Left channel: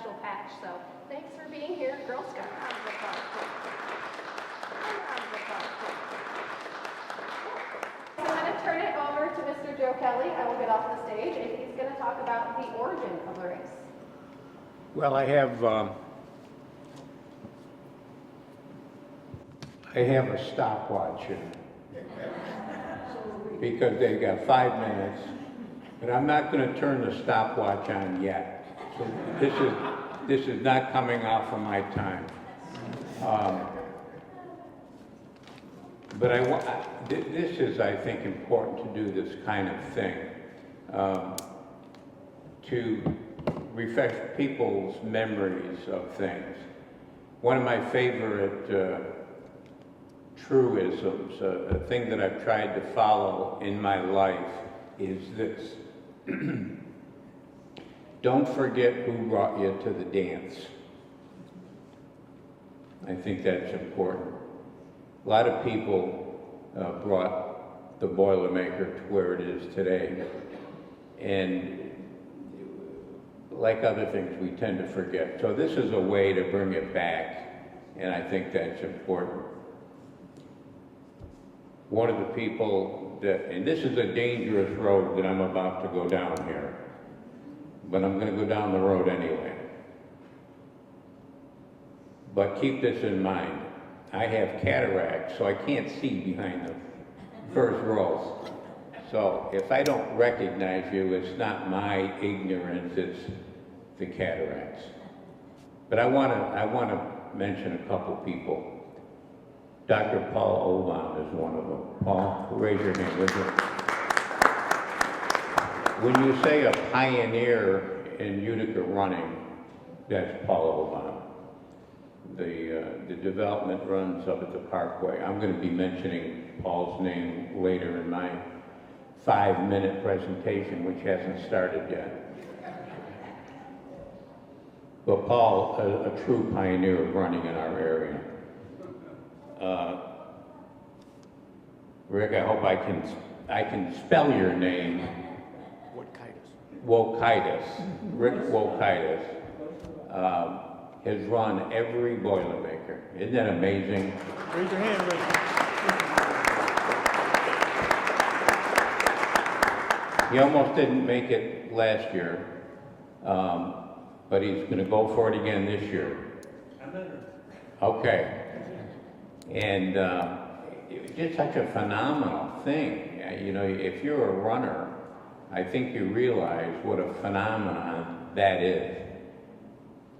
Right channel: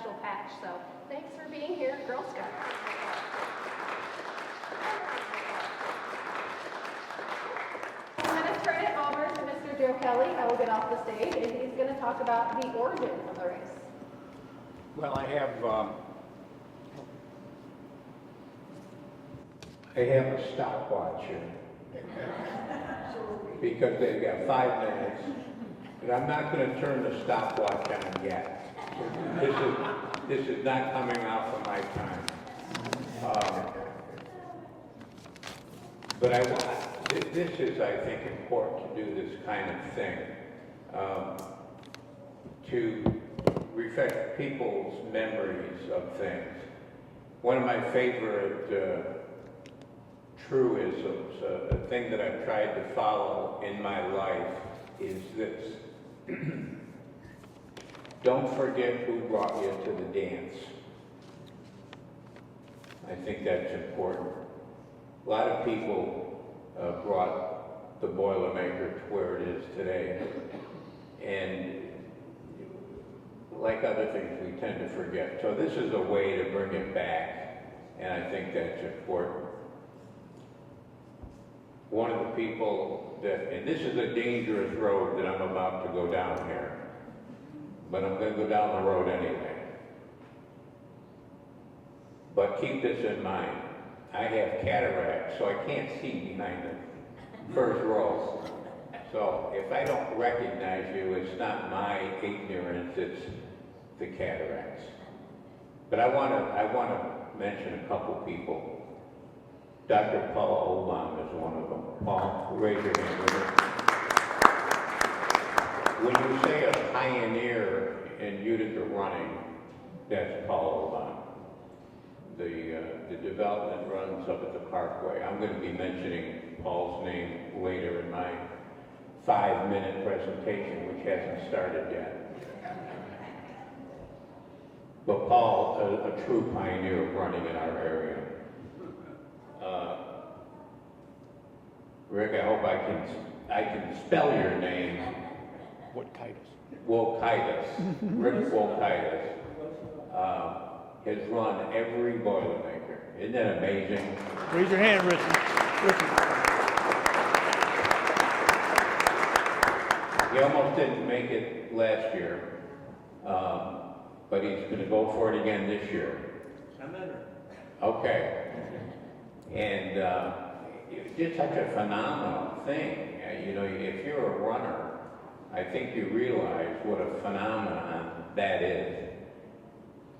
special patch. So thanks for being here, Girl Scouts. I'm going to turn it over to Mr. Joe Kelly. I will get off the stage, and he's going to talk about the origin of the race. Well, I have a stopwatch here because they've got 5 minutes, but I'm not going to turn the stopwatch on yet. So this is not coming off of my time. But this is, I think, important to do this kind of thing, to refresh people's memories of things. One of my favorite truisms, a thing that I've tried to follow in my life is this. Don't forget who brought you to the dance. I think that's important. A lot of people brought the Boilermaker to where it is today. And like other things, we tend to forget. So this is a way to bring it back, and I think that's important. One of the people that, and this is a dangerous road that I'm about to go down here, but I'm going to go down the road anyway. But keep this in mind. I have cataracts, so I can't see behind the first row. So if I don't recognize you, it's not my ignorance, it's the cataracts. But I want to mention a couple people. Dr. Paul Olam is one of them. Paul, raise your hand with me. When you say a pioneer in Utica running, that's Paul Olam. The development runs up at the Parkway. I'm going to be mentioning Paul's name later in my 5-minute presentation, which hasn't started yet. But Paul, a true pioneer of running in our area. Rick, I hope I can spell your name. Wokitis. Rick Wokitis has run every Boilermaker. Isn't that amazing? Raise your hand, Rick. He almost didn't make it last year, but he's going to go for it again this year. Okay. And it's just such a phenomenal thing. You know, if you're a runner, I think you realize what a phenomenon that is.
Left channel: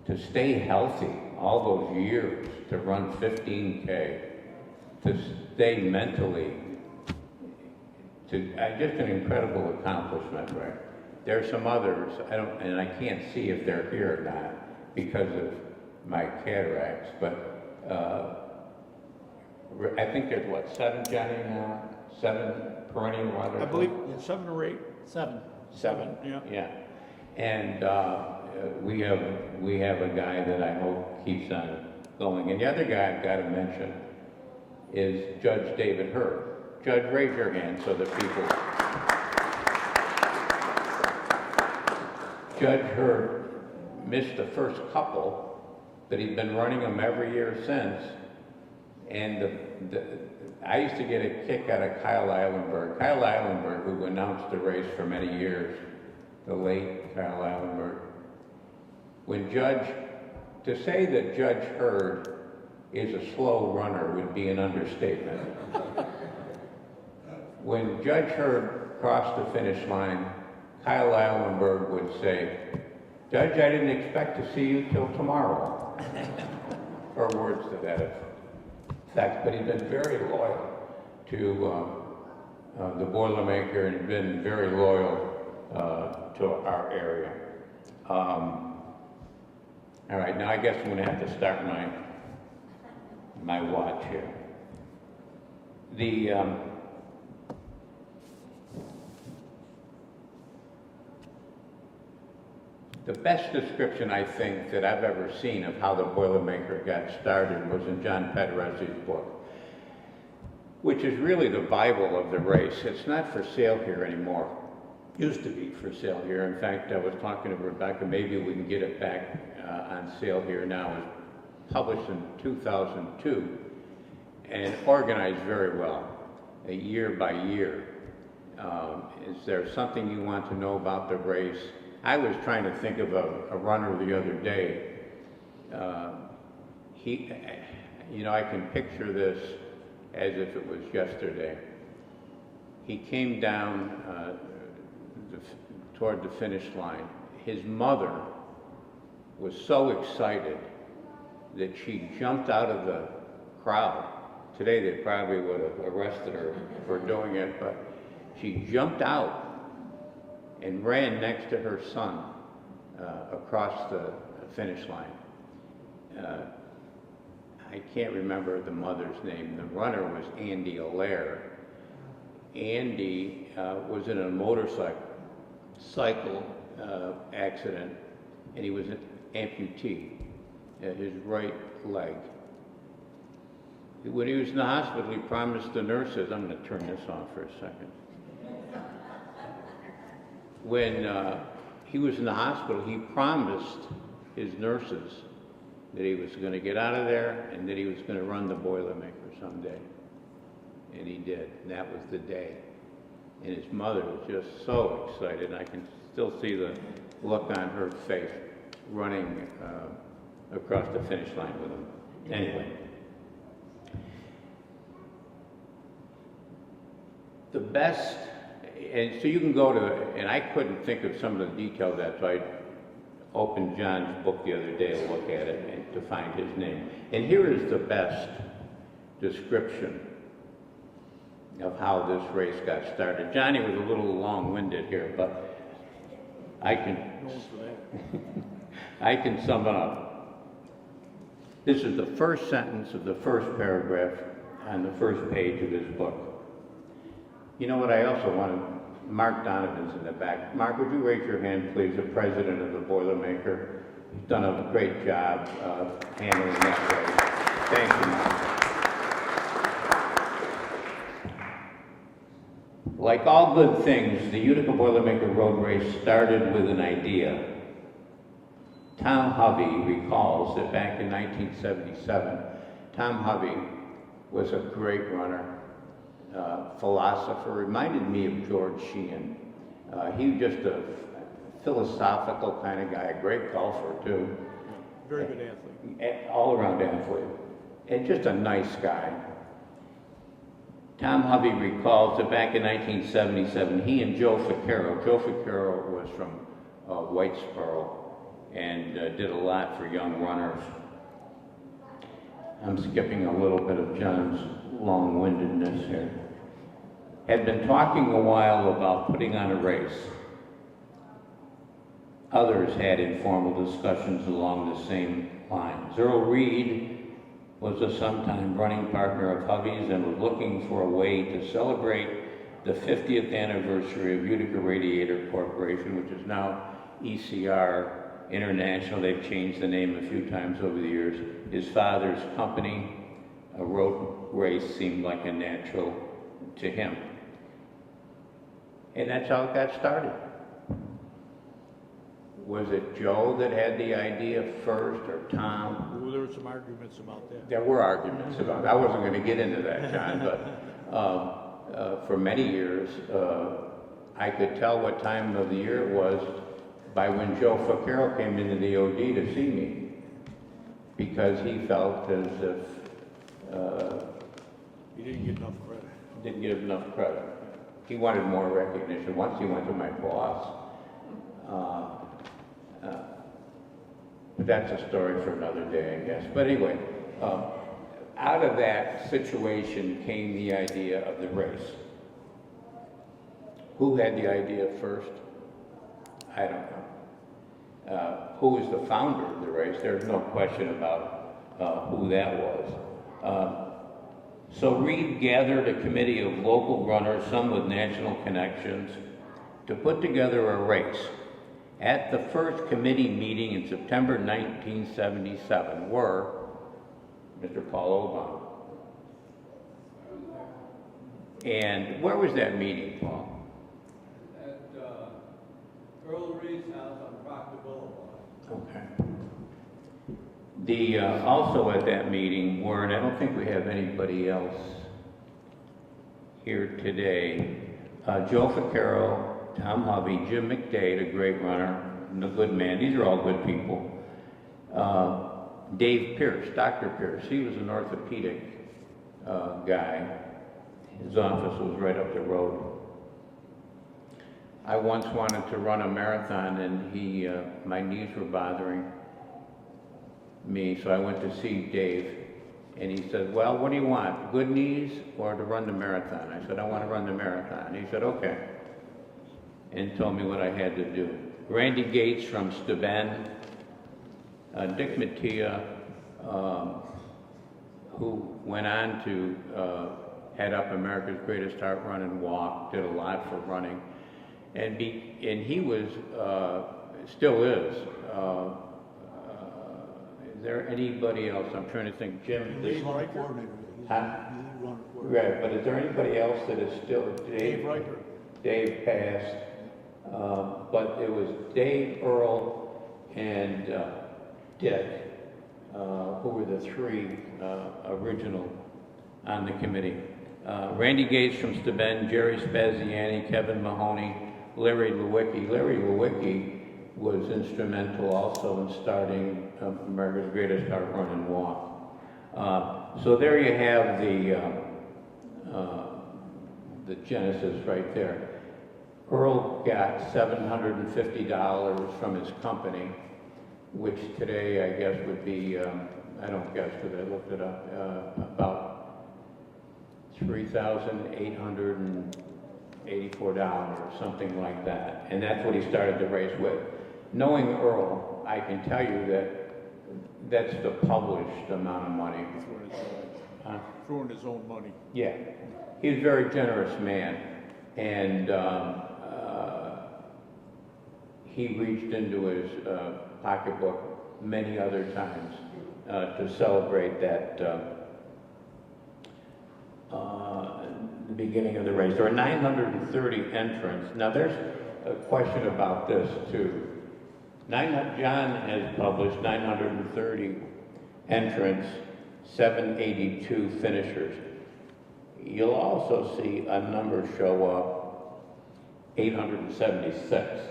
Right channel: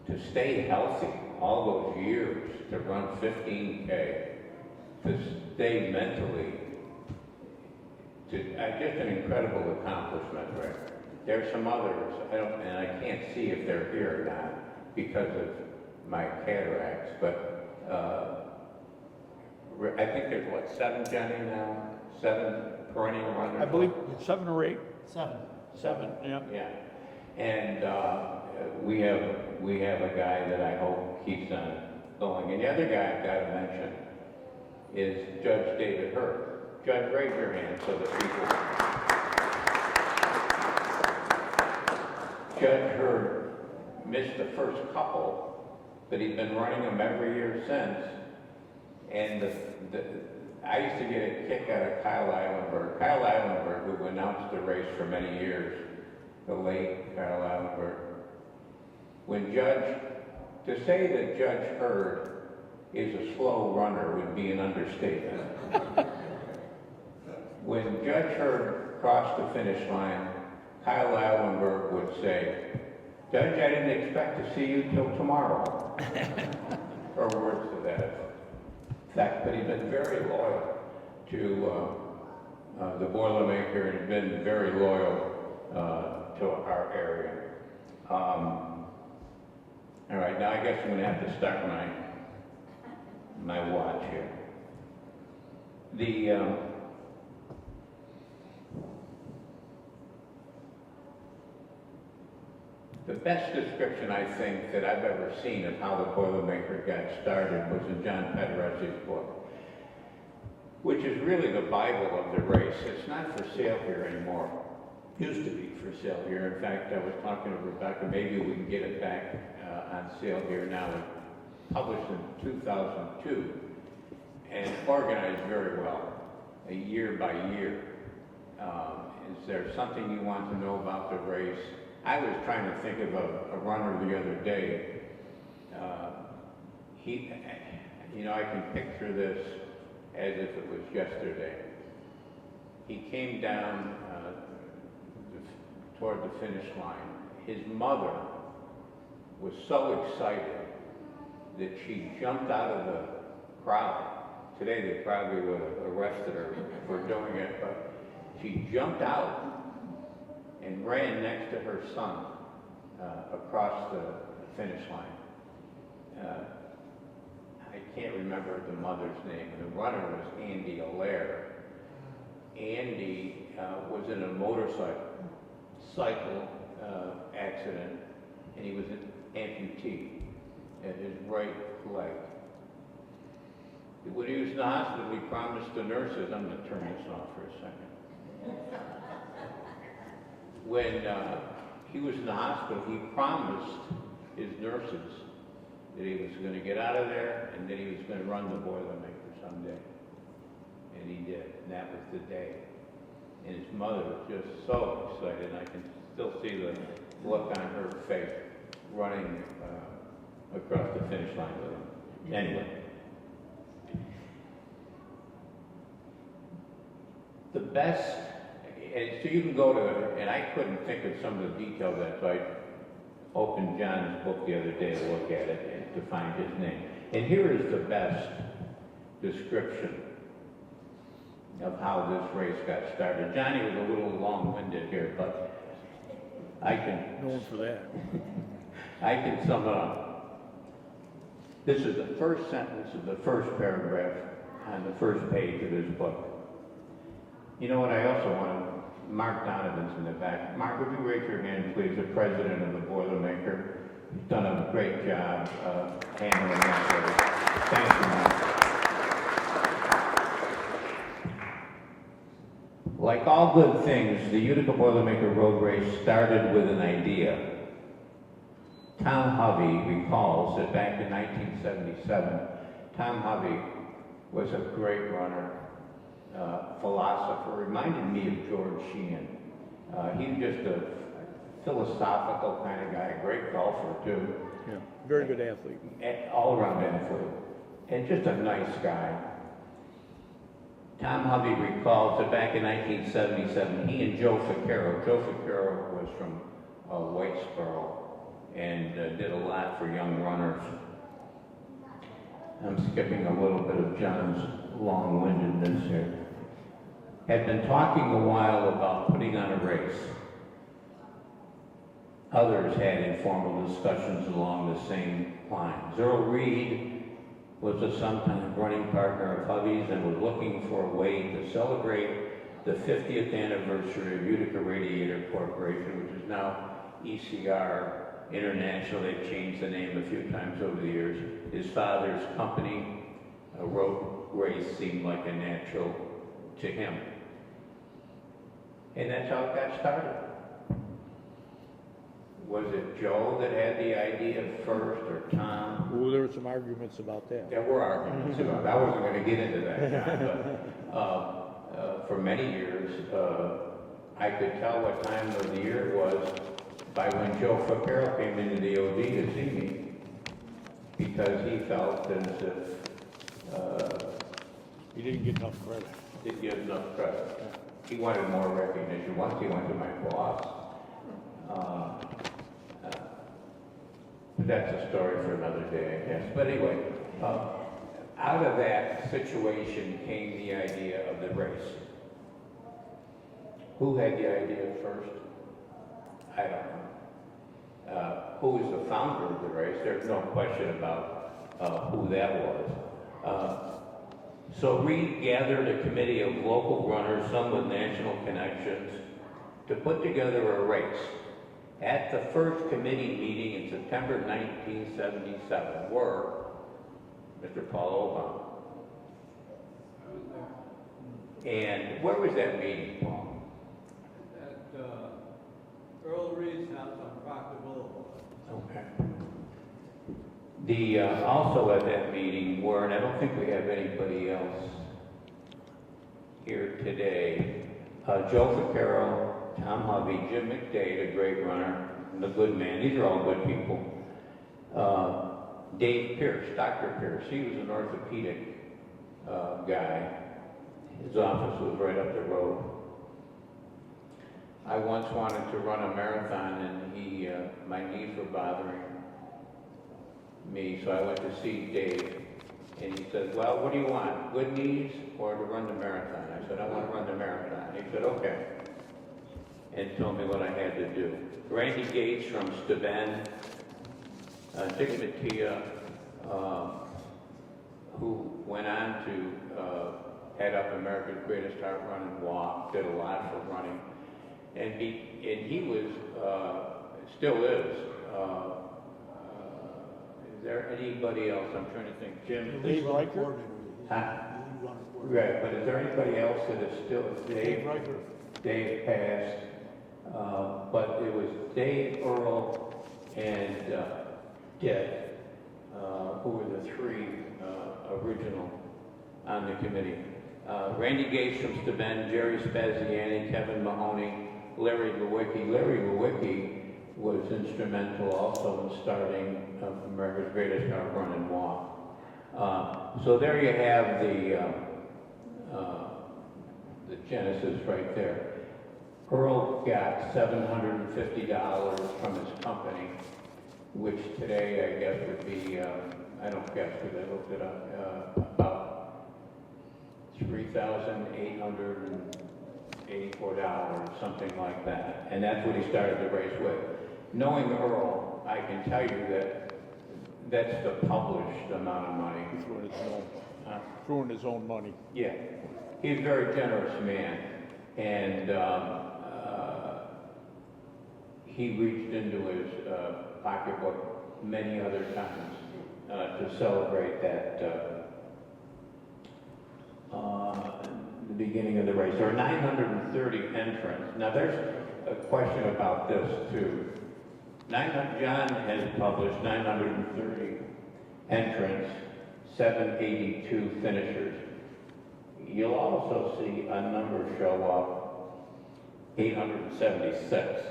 To stay healthy all those years, to run 15K, to stay mentally, just an incredible accomplishment, right? There are some others, and I can't see if they're here or not because of my cataracts, but I think there's 7, Jenny, now? 7 perennial runners? I believe it's 7 or 8. 7. 7? Yeah. And we have a guy that I hope keeps on going. And the other guy I've got to mention is Judge David Hurd. Judge, raise your hand so that people... Judge Hurd missed the first couple, but he's been running them every year since. And I used to get a kick out of Kyle Eilenberg. Kyle Eilenberg, who announced the race for many years, the late Kyle Eilenberg. To say that Judge Hurd is a slow runner would be an understatement. When Judge Hurd crossed the finish line, Kyle Eilenberg would say, "Judge, I didn't expect to see you till tomorrow." Or words to that effect. But he's been very loyal to the Boilermaker and been very loyal to our area. All right, now I guess I'm going to have to start my watch here. The best description, I think, that I've ever seen of how the Boilermaker got started was in John Pederesi's book, which is really the Bible of the race. It's not for sale here anymore. used to be for sale here. In fact, I was talking to Rebecca, maybe we can get it back on sale here now. It was published in 2002 and organized very well, year by year. Is there something you want to know about the race? I was trying to think of a runner the other day. I can picture this as if it was yesterday. He came down toward the finish line. His mother was so excited that she jumped out of the crowd. Today they probably would have arrested her for doing it, but she jumped out and ran next to her son across the finish line. I can't remember the mother's name. The runner was Andy Allaire. Andy was in a motorcycle accident, and he was an amputee at his right leg. When he was in the hospital, he promised the nurses, I'm going to turn this off for a second. When he was in the hospital, he promised his nurses that he was going to get out of there and that he was going to run the Boilermaker someday. And he did, and that was the day. And his mother was just so excited. I can still see the look on her face running across the finish line with him. Anyway. The best, and so you can go to it, and I couldn't think of some of the details of that, so I opened John's book the other day to look at it and to find his name. And here is the best description of how this race got started. Johnny was a little long-winded here, but I can sum it up. This is the first sentence of the first paragraph on the first page of his book. You know what I also wanted? Mark Donovan's in the back. Mark, would you raise your hand, please, the president of the Boilermaker? He's done a great job handling that race. Thank you, Mark. Like all good things, the Utica Boilermaker Road Race started with an idea. Tom Hovey recalls that back in 1977, Tom Hovey was a great runner, philosopher, reminded me of George Sheehan. He was just a philosophical kind of guy, a great golfer too. Yeah, very good athlete. All-around athlete, and just a nice guy. Tom Hovey recalls that back in 1977, he and Joe Ficarro was from Whitesboro and did a lot for young runners. I'm skipping a little bit of John's long-windedness here. Had been talking a while about putting on a race. Others had informal discussions along the same lines. Earl Reed was a sometime running partner of Hovey's and was looking for a way to celebrate the 50th anniversary of Utica Radiator Corporation, which is now ECR International. They've changed the name a few times over the years. His father's company, a road race, seemed like a natural to him. And that's how it got started. Was it Joe that had the idea first, or Tom? Well, there were some arguments about that. There were arguments about it. I wasn't going to get into that, John, but for many years, I could tell what time of the year it was by when Joe Ficarro came into the OD to see me, because he felt as if You didn't get enough credit. didn't get enough credit. He wanted more recognition. Once he went to my boss. But that's a story for another day, I guess. But anyway, out of that situation came the idea of the race. Who had the idea first? I don't know. Who was the founder of the race? There's no question about who that was. So Reed gathered a committee of local runners, some with national connections, to put together a race. At the first committee meeting in September 1977 were Mr. Paul Obama. And where was that meeting, Paul? At Earl Reed's house on Proctor Boulevard. Okay. The, also at that meeting were, and I don't think we have anybody else here today, Joe Vaccaro, Tom Hovey, Jim McDade, a great runner, a good man. These are all good people. Dave Pierce, Dr. Pierce, he was an orthopedic guy. His office was right up the road. I once wanted to run a marathon and my knees were bothering me, so I went to see Dave. And he said, well, what do you want, good knees or to run the marathon? I said, I want to run the marathon. He said, okay. And told me what I had to do. Randy Gates from Steuben, Dick Mattia, who went on to head up America's Greatest Heart Run and Walk, did a lot for running. And he was, still is there anybody else? I'm trying to think. Jim? He's running coordinator. Huh? He's running coordinator. Right, but is there anybody else that is still? Dave Riker. Dave passed, but it was Dave, Earl, and Dick, who were the three original on the committee. Randy Gates from Steuben, Jerry Spaziani, Kevin Mahoney, Larry Lewicki. Larry Lewicki was instrumental also in starting America's Greatest Heart Run and Walk. So there you have the genesis right there. Earl got $750 from his company, which today I guess would be, I don't guess because I looked it up, about $3,884, something like that. And that's what he started the race with. Knowing Earl, I can tell you that that's the published amount of money. Throwing his own money. Yeah, he's a very generous man, and he reached into his pocketbook many other times to celebrate that the beginning of the race. There are 930 entrants. Now there's a question about this too. John has published 930 entrants, 782 finishers. You'll also see a number show up, 876.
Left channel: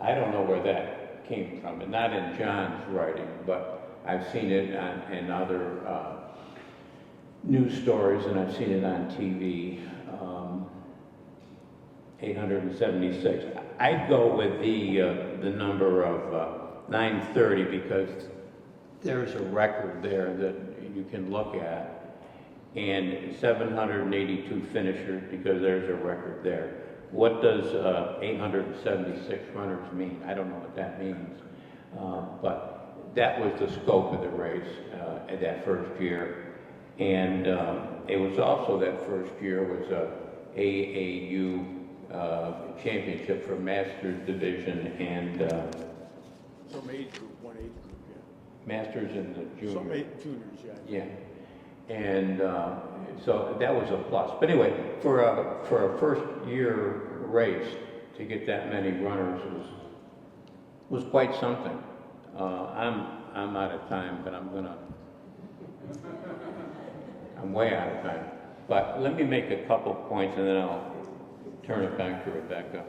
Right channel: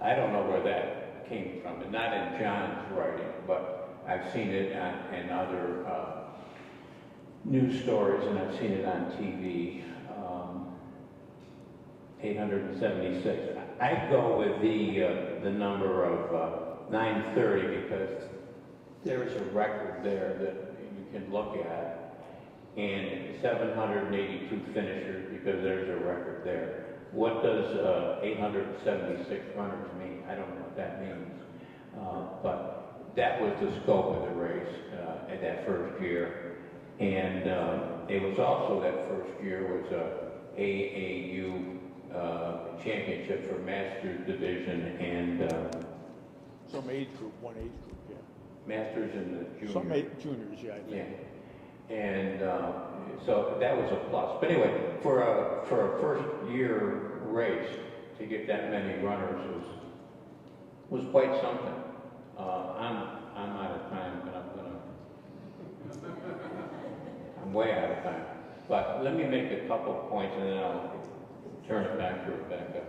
I don't know where that came from, and not in John's writing, but I've seen it in other news stories, and I've seen it on TV. 876. I go with the number of 930 because there's a record there that you can look at, and 782 finishers because there's a record there. What does 876 runners mean? I don't know what that means, but that was the scope of the race in that first year, and it was also that first year was a AAU championship for Masters division and Some age group, one age group, yeah. Masters in the Some junior. juniors, yeah. Yeah, and so that was a plus. But anyway, for a first year race to get that many runners was quite something. I'm out of time, but I'm way out of time. But let me make a couple points and then I'll turn it back to Rebecca.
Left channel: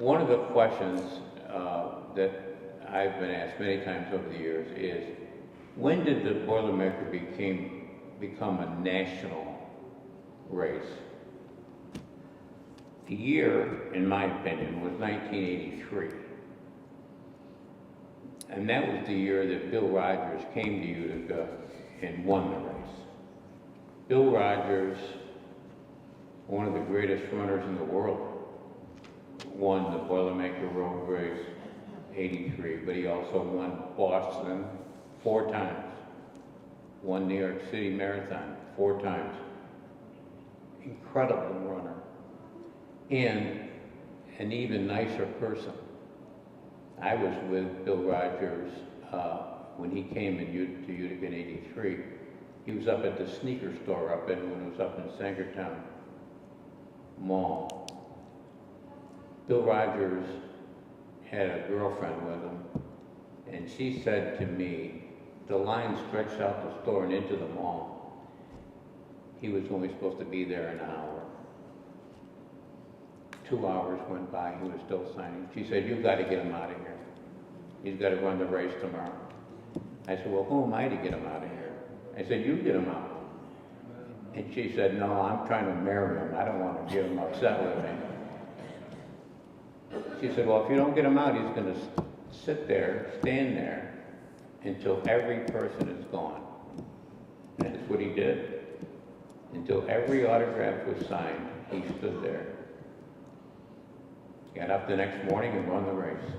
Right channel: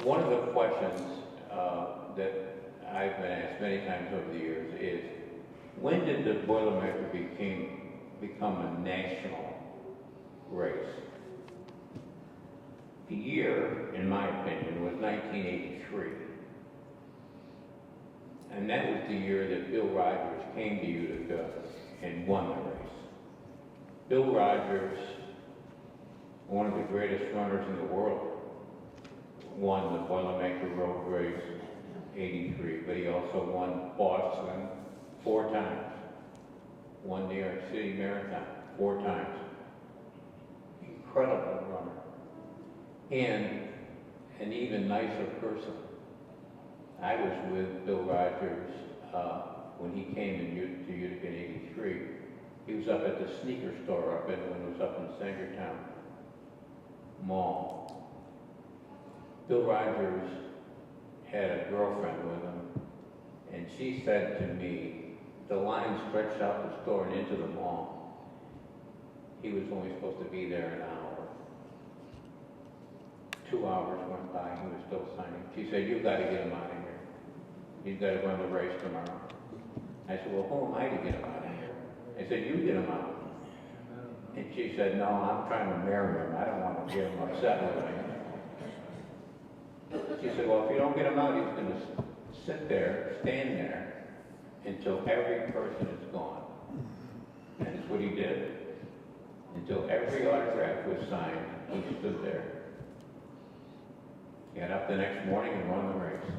One of the questions that I've been asked many times over the years is, when did the Boilermaker become a national race? The year, in my opinion, was 1983. And that was the year that Bill Rogers came to Utica and won the race. Bill Rogers, one of the greatest runners in the world, won the Boilermaker Road Race 83, but he also won Boston 4 times, won New York City Marathon 4 times. Incredible runner. And an even nicer person. I was with Bill Rogers when he came to Utica in 83. He was up at the sneaker store when it was up in Sangertown Mall. Bill Rogers had a girlfriend with him, and she said to me, the line stretched out the store and into the mall. He was only supposed to be there an hour. 2 hours went by, he was still signing. She said, you've got to get him out of here. He's got to run the race tomorrow. I said, well, who am I to get him out of here? I said, you get him out. And she said, no, I'm trying to marry him. I don't want to get him upset with me. She said, well, if you don't get him out, he's going to sit there, stand there, until every person is gone. And that's what he did. Until every autograph was signed, he stood there. Got up the next morning and won the race.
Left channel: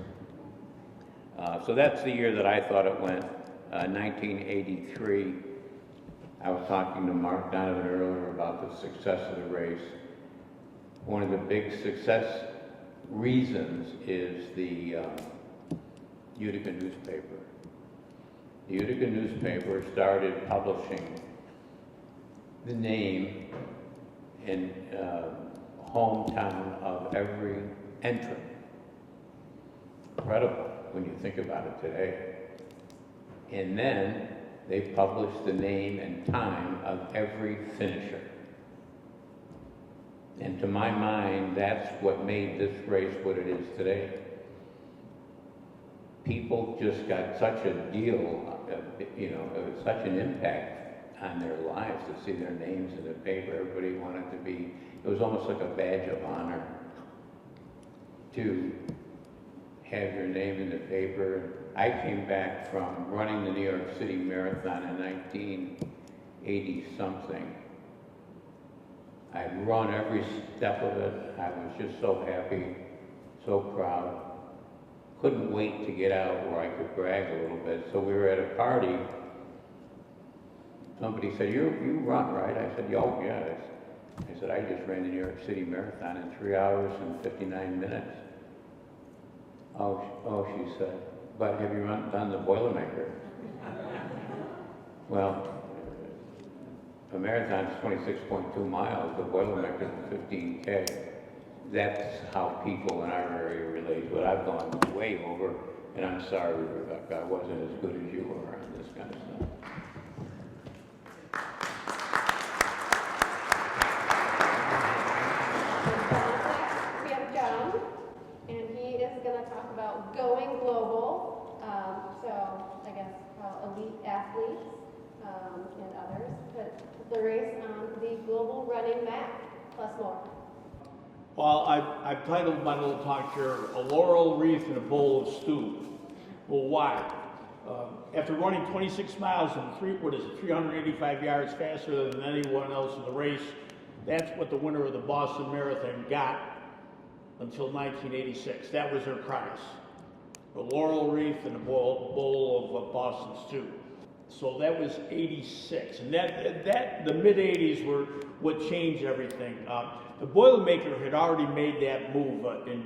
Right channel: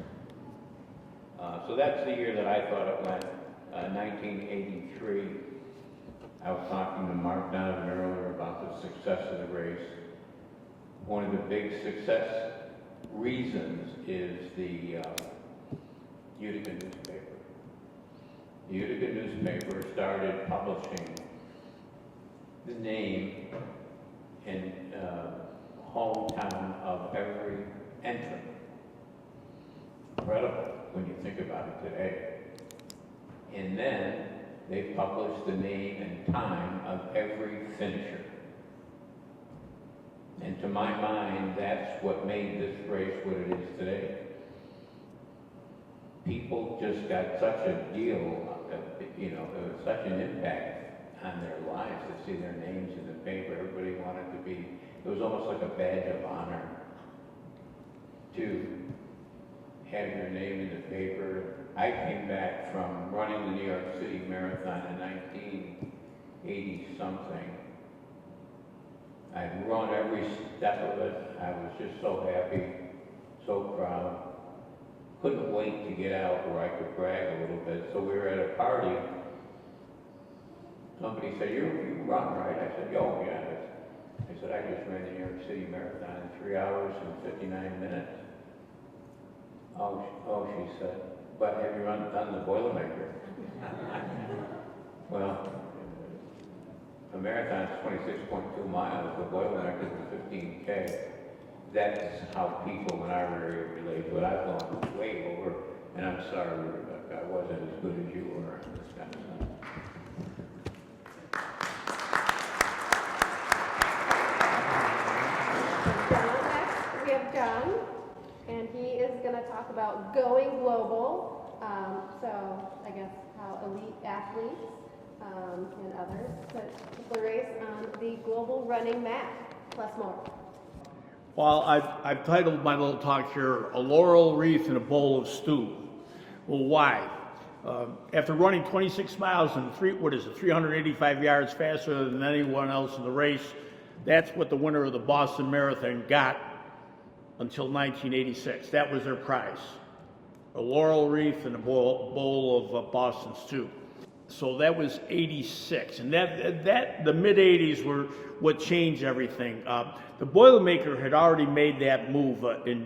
So that's the year that I thought it went, 1983. I was talking to Mark Donovan earlier about the success of the race. One of the big success reasons is the Utica newspaper. The Utica newspaper started publishing the name and hometown of every entrant. Incredible when you think about it today. And then they published the name and time of every finisher. And to my mind, that's what made this race what it is today. People just got such a deal, it was such an impact on their lives to see their names in the paper. Everybody wanted to be, it was almost like a badge of honor to have your name in the paper. I came back from running the New York City Marathon in 1980 something. I'd run every step of it. I was just so happy, so proud. Couldn't wait to get out where I could brag a little bit. So we were at a party. Somebody said, you run, right? I said, oh, yeah. I said, I just ran the New York City Marathon in 3 hours and 59 minutes. Oh, she said, but have you done the Boilermaker? Well, a marathon is 26.2 miles, the Boilermaker is 15K. That's how people in our area relate to it. I've gone way over, and I'm sorry, Rebecca, I wasn't as good as you were on this kind of stuff. We have John, and he is going to talk about going global. So I guess how elite athletes and others put the race on the global running map, plus more. Well, I've titled my little talk here, A Laurel Wreath and a Bowl of Stew. Well, why? After running 26 miles and 385 yards faster than anyone else in the race, that's what the winner of the Boston Marathon got until 1986. That was their prize. A laurel wreath and a bowl of Boston stew. So that was 86, and that the mid 80s were what changed everything. The Boilermaker had already made that move. In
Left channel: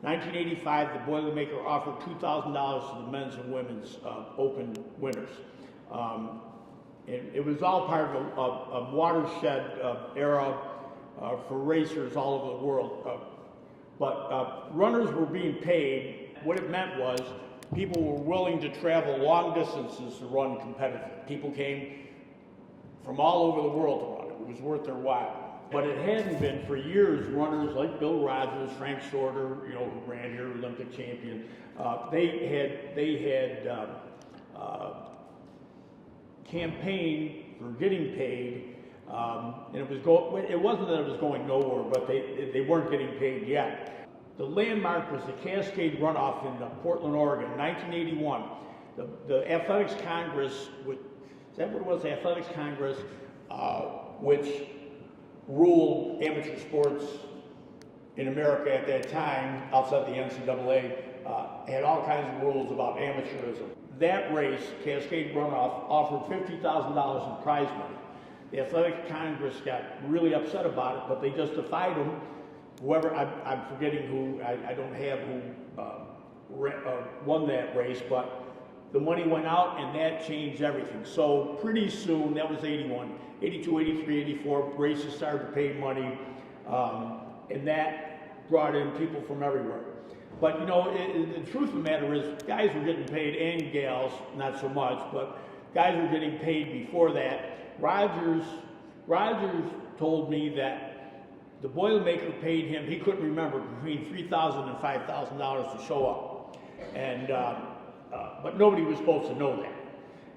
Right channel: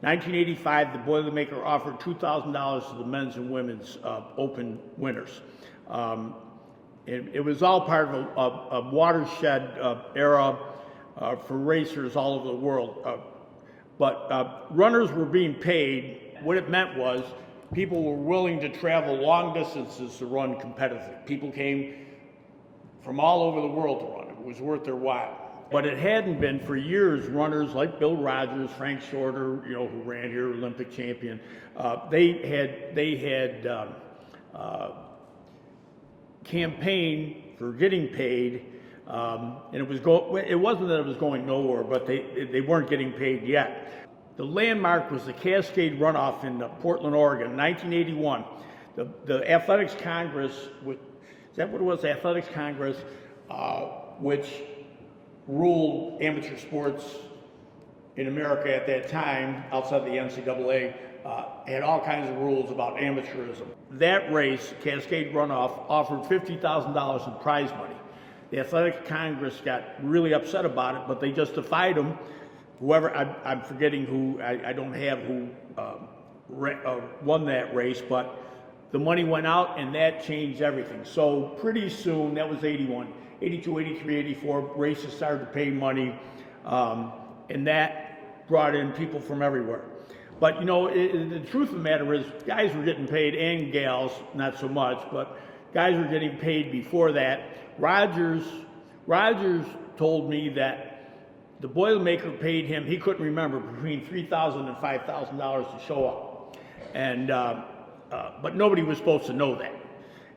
1985, the Boilermaker offered $2,000 to the men's and women's open winners. It was all part of a watershed era for racers all over the world. But runners were being paid. What it meant was people were willing to travel long distances to run competitively. People came from all over the world to run. It was worth their while. But it hadn't been for years. Runners like Bill Rogers, Frank Shorter, who ran here, Olympic champion, they had campaigned for getting paid, and it wasn't that it was going nowhere, but they weren't getting paid yet. The landmark was the Cascade Runoff in Portland, Oregon, 1981. The Athletics Congress, is that what it was? The Athletics Congress, which ruled amateur sports in America at that time, outside the NCAA, had all kinds of rules about amateurism. That race, Cascade Runoff, offered $50,000 in prize money. The Athletic Congress got really upset about it, but they just defied them. Whoever, I'm forgetting who, I don't have who won that race, but the money went out and that changed everything. So pretty soon, that was 81, 82, 83, 84, races started to pay money, and that brought in people from everywhere. But you know, the truth of the matter is, guys were getting paid, and gals, not so much, but guys were getting paid before that. Rogers told me that the Boilermaker paid him, he couldn't remember, between $3,000 and $5,000 to show up. And, but nobody was supposed to know that.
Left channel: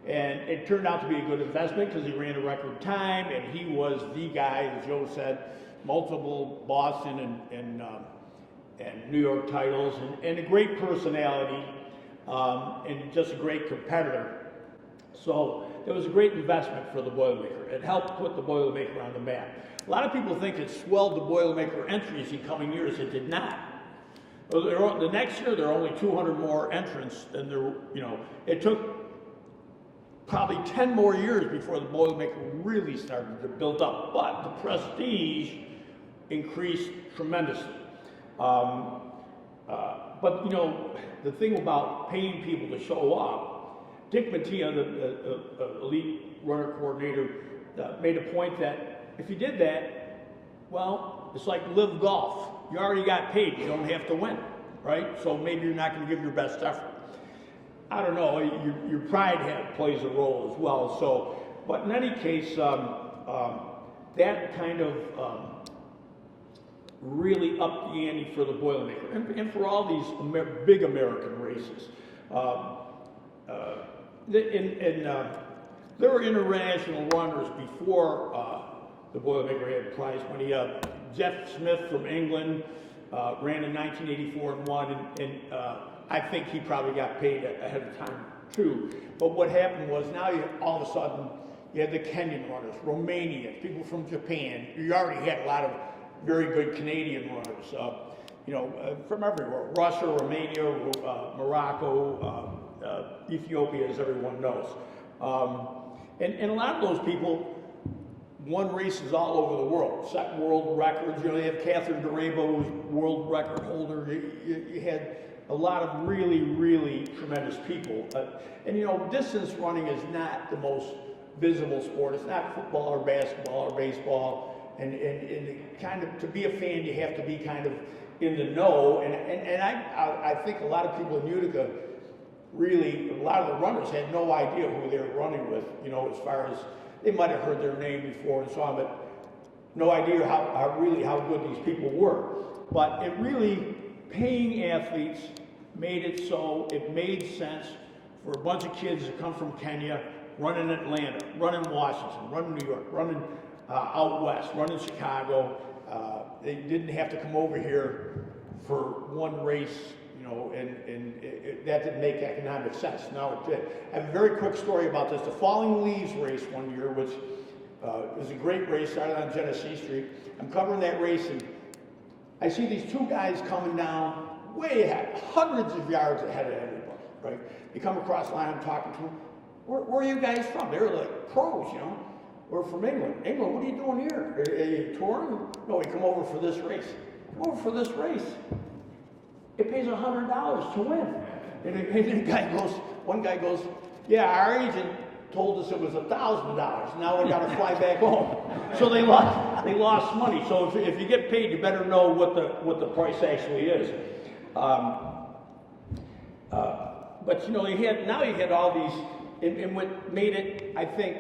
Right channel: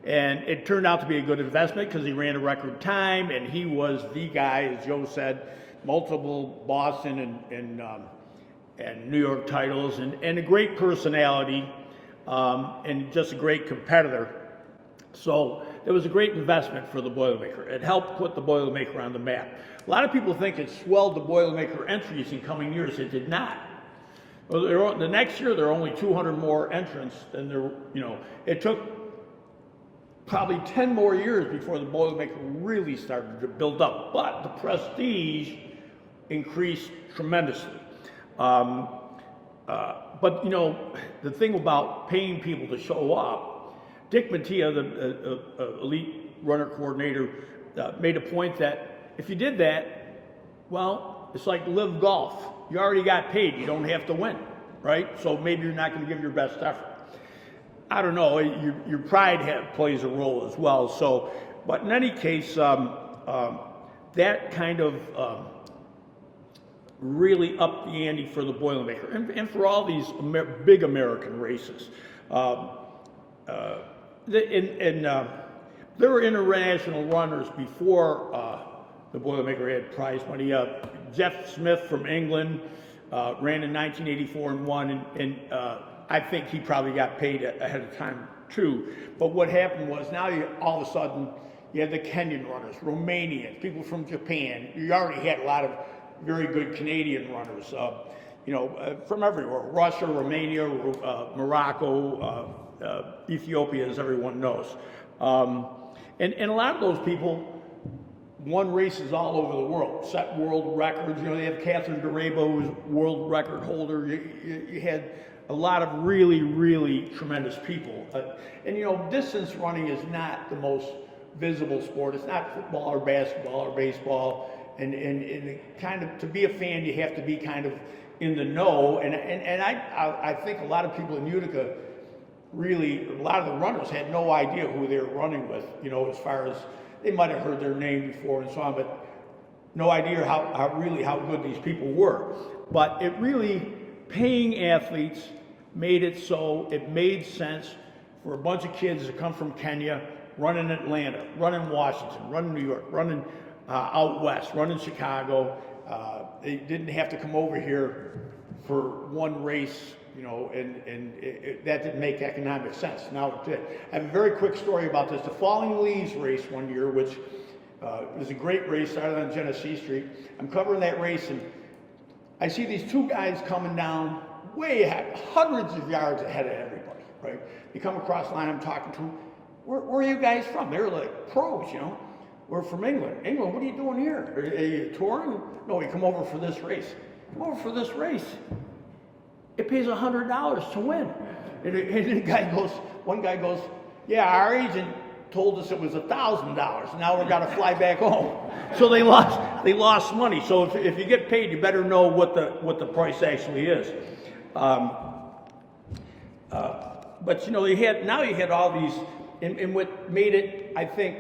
And it turned out to be a good investment because he ran a record time, and he was the guy, as Joe said, multiple Boston and New York titles, and a great personality, and just a great competitor. So it was a great investment for the Boilermaker. It helped put the Boilermaker on the map. A lot of people think it swelled the Boilermaker entries in coming years. It did not. Well, the next year there were only 200 more entrants than there. You know, it took probably 10 more years before the Boilermaker really started to build up. But the prestige increased tremendously. But you know, the thing about paying people to show up, Dick Mattia, the elite runner coordinator, made a point that if you did that, well, it's like live golf. You already got paid. You don't have to win, right? So maybe you're not going to give your best effort. I don't know. Your pride plays a role as well. So, but in any case, that kind of really upped the ante for the Boilermaker and for all these big American races. There were international runners before the Boilermaker had prize money. Jeff Smith from England ran in 1984 and won, and I think he probably got paid ahead of time too. But what happened was now all of a sudden you had the Kenyan runners, Romanians, people from Japan. You already had a lot of very good Canadian runners, you know, from everywhere. Russia, Romania, Morocco, Ethiopia, as everyone knows. And a lot of those people won races all over the world, set world records. You know, you have Catherine Durabo, who's world record holder. You had a lot of really, really tremendous people. And you know, distance running is not the most visible sport. It's not football or basketball or baseball. And kind of, to be a fan, you have to be kind of in the know. And I think a lot of people in Utica, really, a lot of the runners had no idea who they were running with, you know, as far as they might have heard their name before and so on, but no idea how good these people were. But it really, paying athletes made it so it made sense for a bunch of kids to come from Kenya, run in Atlanta, run in Washington, run in New York, run in out west, run in Chicago. They didn't have to come over here for one race, you know, and that didn't make economic sense. Now it did. I have a very quick story about this. The Falling Leaves race one year, which was a great race, started on Genesee Street. I'm covering that race, and I see these two guys coming down way ahead, hundreds of yards ahead of everybody, right? They come across the line, I'm talking to them. Where are you guys from? They were like pros, you know. We're from England. England, what are you doing here? Are you touring? No, we come over for this race. Come over for this race. It pays $100 to win. And the guy goes, one guy goes, yeah, our agent told us it was $1,000. Now we got to fly back home. So they lost money. So if you get paid, you better know what the price actually is. But you know, you had all these, and what made it, I think,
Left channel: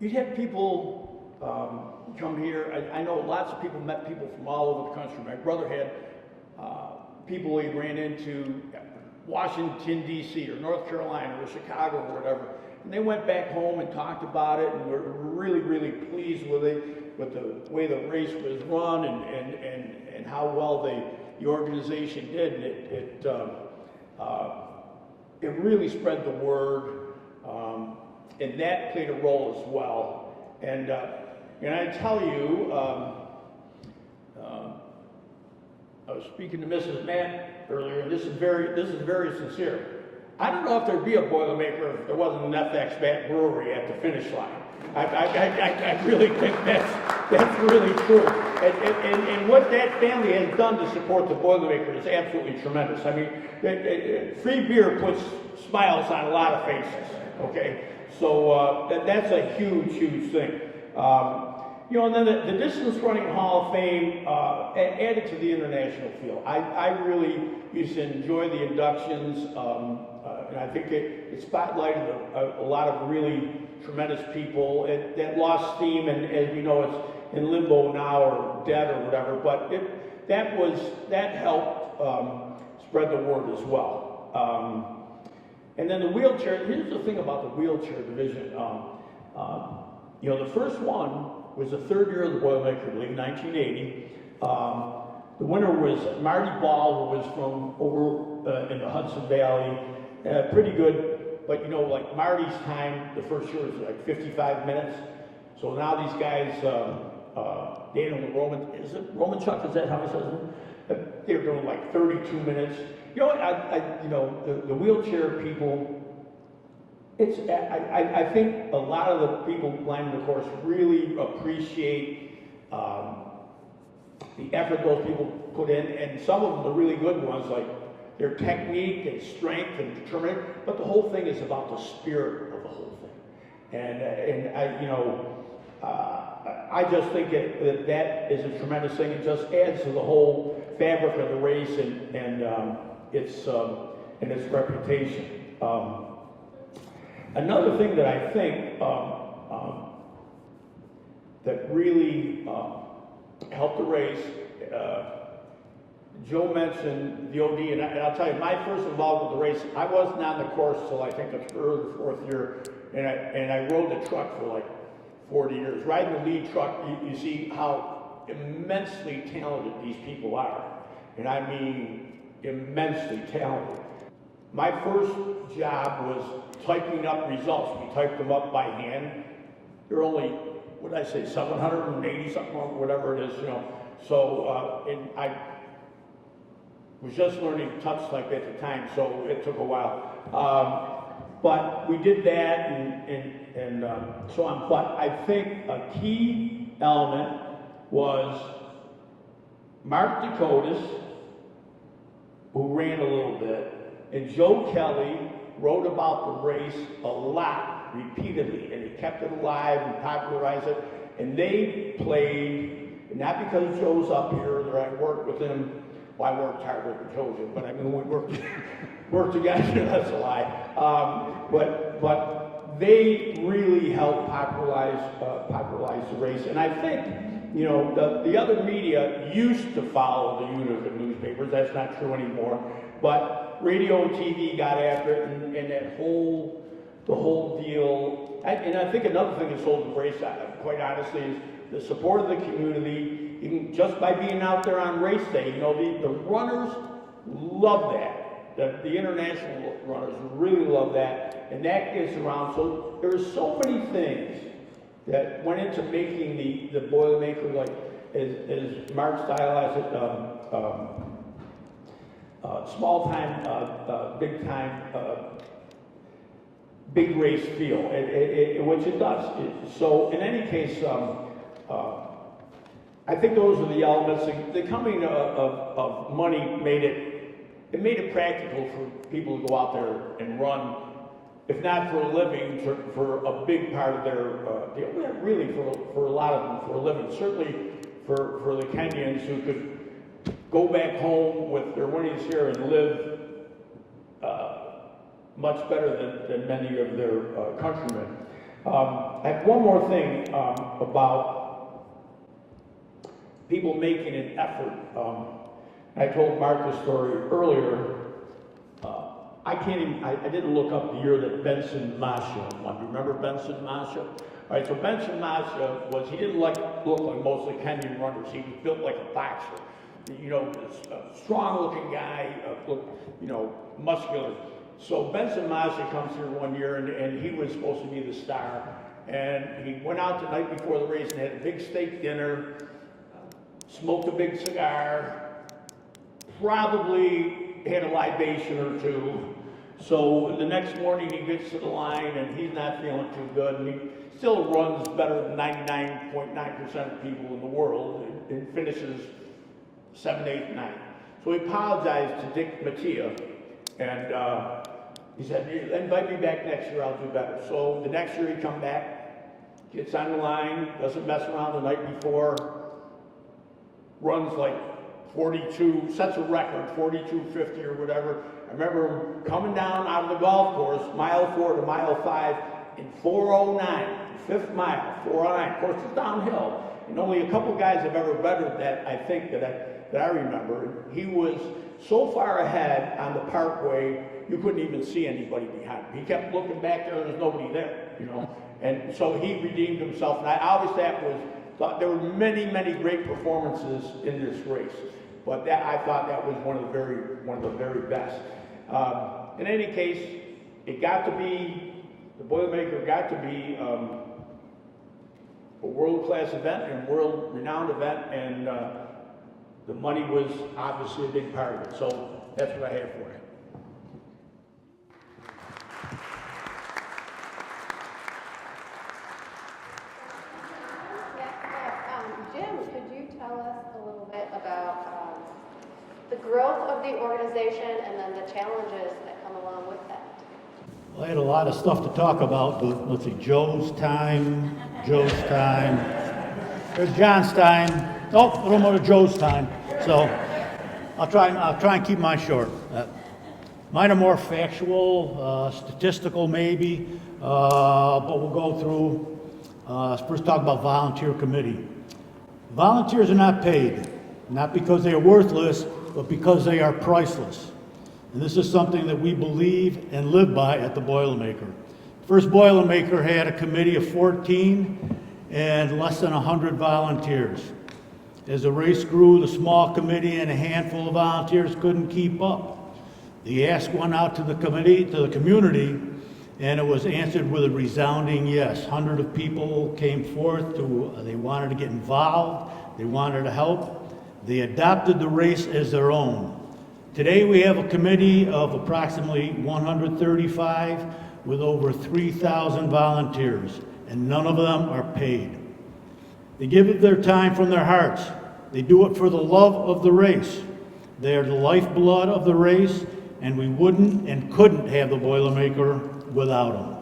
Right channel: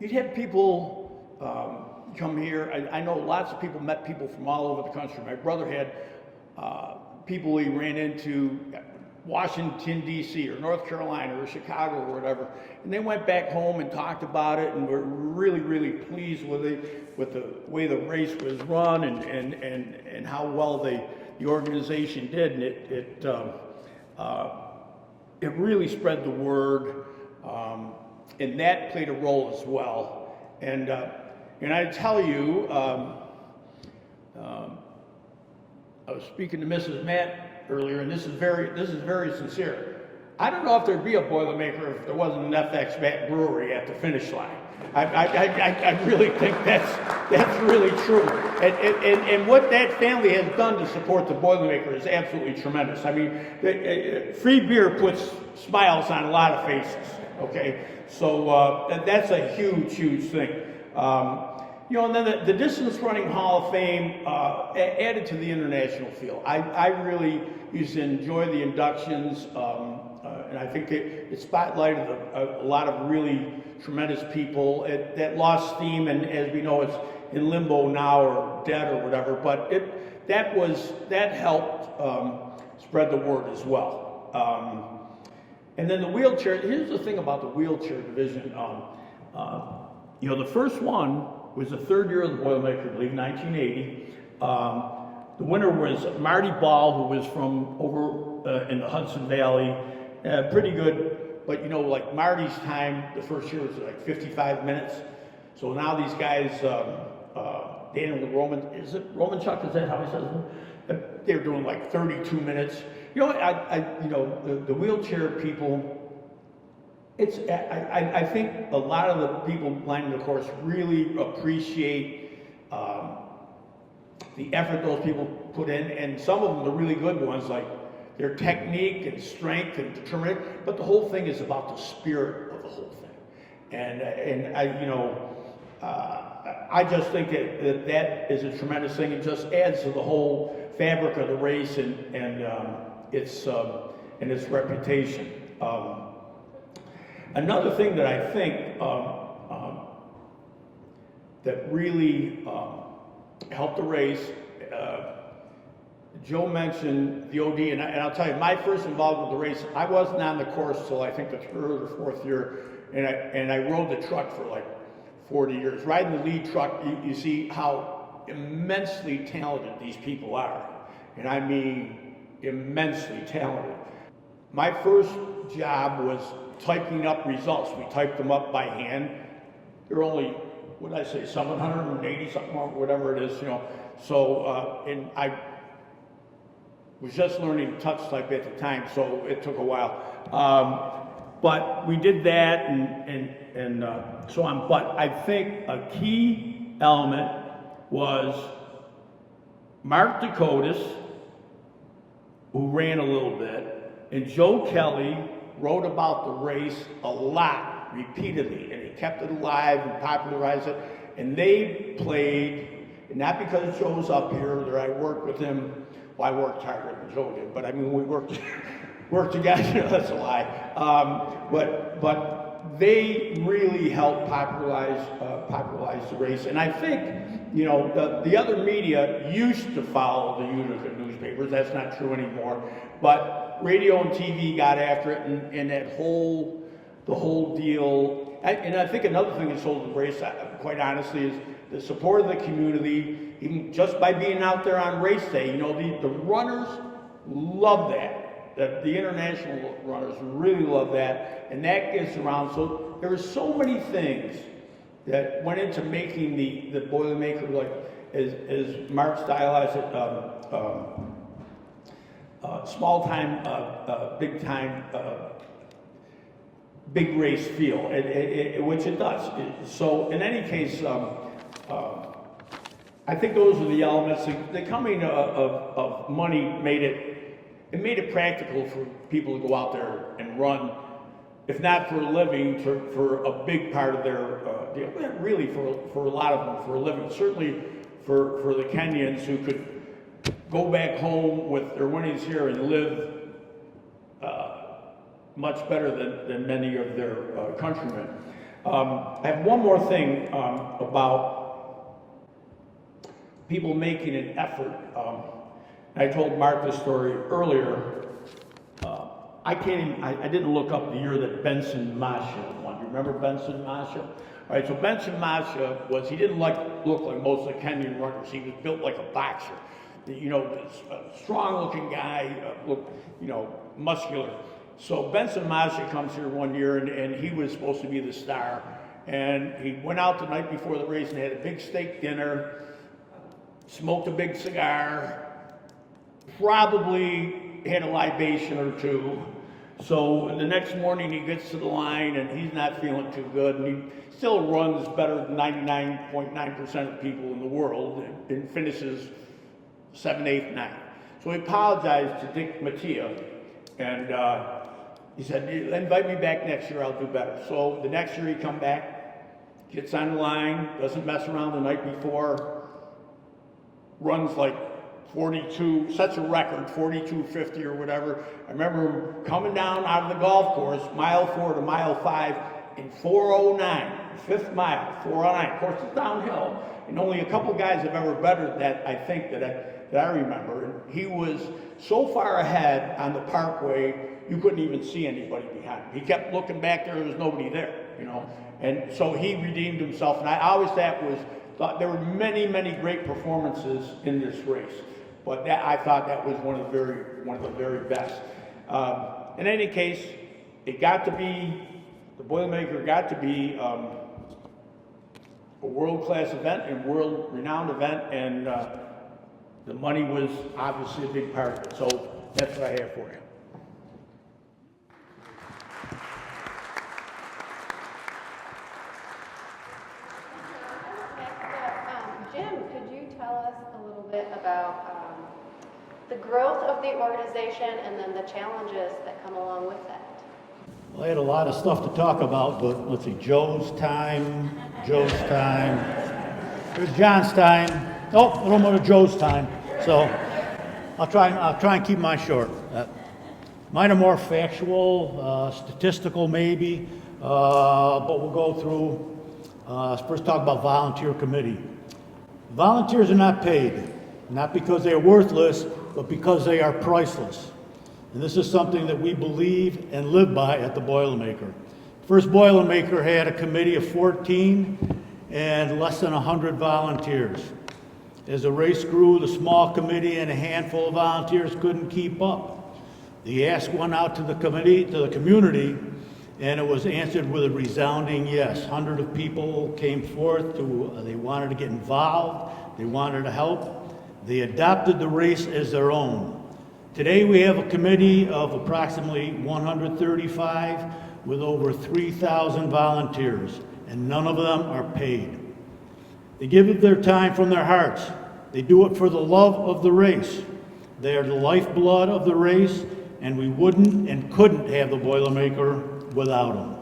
you'd have people come here. I know lots of people met people from all over the country. My brother had people he ran into Washington, D.C. or North Carolina or Chicago or whatever. And they went back home and talked about it and were really, really pleased with it, with the way the race was run and how well the organization did. And it really spread the word. And that played a role as well. And I tell you, I was speaking to Mrs. Matt earlier, and this is very sincere. I don't know if there'd be a Boilermaker if there wasn't an FX Matt brewery at the finish line. I really think that's really true. And what that family has done to support the Boilermaker is absolutely tremendous. I mean, free beer puts smiles on a lot of faces. Okay, so that's a huge thing. You know, and then the Distance Running Hall of Fame added to the international field. I really used to enjoy the inductions, and I think it spotlighted a lot of really tremendous people. That lost steam, and as we know, it's in limbo now or dead or whatever. But that helped spread the word as well. And then the wheelchair. Here's the thing about the wheelchair division. You know, the first one was the third year of the Boilermaker League, 1980. The winner was Marty Ball, who was from over in the Hudson Valley. Pretty good, but you know, like Marty's time, the first year was like 55 minutes. So now these guys, Daniel Roman Chuck, is that how he says it? They're doing like 32 minutes. You know, the wheelchair people, I think a lot of the people lining the course really appreciate the effort those people put in, and some of them, the really good ones, like their technique and strength and determination, but the whole thing is about the spirit of the whole thing. And I, you know, I just think that is a tremendous thing. It just adds to the whole fabric of the race and its reputation. Another thing that I think that really helped the race, Joe mentioned the OD, and I'll tell you, my first involvement with the race, I wasn't on the course till I think the third or fourth year, and I rode the truck for like 40 years. Riding the lead truck, you see how immensely talented these people are, and I mean immensely talented. My first job was typing up results. We typed them up by hand. They're only, what did I say, 780 something, whatever it is, you know. So, and I was just learning touch type at the time, so it took a while. But we did that and so on. But I think a key element was Mark Dakotas, who ran a little bit, and Joe Kelly wrote about the race a lot, repeatedly, and he kept it alive and popularized it. And they played, and not because Joe's up here, that I worked with him. Well, I worked harder than Joe did, but I mean, we worked together, that's a lie. But they really helped popularize the race. And I think, you know, the other media used to follow the Utica newspapers. That's not true anymore. But radio and TV got after it, and the whole deal. And I think another thing that sold the race, quite honestly, is the support of the community, even just by being out there on race day. You know, the runners love that. The international runners really love that, and that gets around. So there's so many things that went into making the Boilermaker, like as Mark stylized it, small time, big time, big race feel, which it does. So in any case, I think those are the elements. The coming of money made it practical for people to go out there and run, if not for a living, for a big part of their deal. Really, for a lot of them, for a living. Certainly for the Kenyans who could go back home with their winnings here and live much better than many of their countrymen. I have one more thing about people making an effort. I told Mark this story earlier. I didn't look up the year that Benson Masha won. Remember Benson Masha? All right, so Benson Masha he didn't look like most of the Kenyan runners. He was built like a boxer. You know, a strong-looking guy, you know, muscular. So Benson Masha comes here one year, and he was supposed to be the star. And he went out the night before the race and had a big steak dinner, smoked a big cigar, probably had a libation or two. So the next morning he gets to the line and he's not feeling too good. And he still runs better than 99.9% of the people in the world and finishes 7th, 8th, 9th. So he apologized to Dick Mattia and he said, invite me back next year, I'll do better. So the next year he come back, gets on the line, doesn't mess around the night before, runs like 42, sets a record, 42:50 or whatever. I remember him coming down out of the golf course, mile 4 to mile 5 in 4:09, fifth mile, 4:09. Of course, it's downhill. And only a couple guys have ever bettered that, I think, that I remember. He was so far ahead on the parkway, you couldn't even see anybody behind him. He kept looking back there and there's nobody there, you know. And so he redeemed himself. And I always thought there were many, many great performances in this race. But I thought that was one of the very best. In any case, the Boilermaker got to be a world-class event and world-renowned event, and the money was obviously a big part of it. So that's what I have for you. Jim, could you tell us a little bit about the growth of the organization and then the challenges that come along with that? Well, I had a lot of stuff to talk about, but let's see, Joe's time, John's time. Oh, a little more of Joe's time. So I'll try and keep mine short. Mine are more factual, statistical maybe, but we'll go through. First talk about volunteer committee. Volunteers are not paid, not because they are worthless, but because they are priceless. And this is something that we believe and live by at the Boilermaker. First Boilermaker had a committee of 14 and less than 100 volunteers. As the race grew, the small committee and a handful of volunteers couldn't keep up. The ask went out to the community, and it was answered with a resounding yes. Hundreds of people came forth they wanted to get involved, they wanted to help. They adopted the race as their own. Today we have a committee of approximately 135 with over 3,000 volunteers, and none of them are paid. They give it their time from their hearts. They do it for the love of the race. They are the lifeblood of the race, and we wouldn't and couldn't have the Boilermaker without them.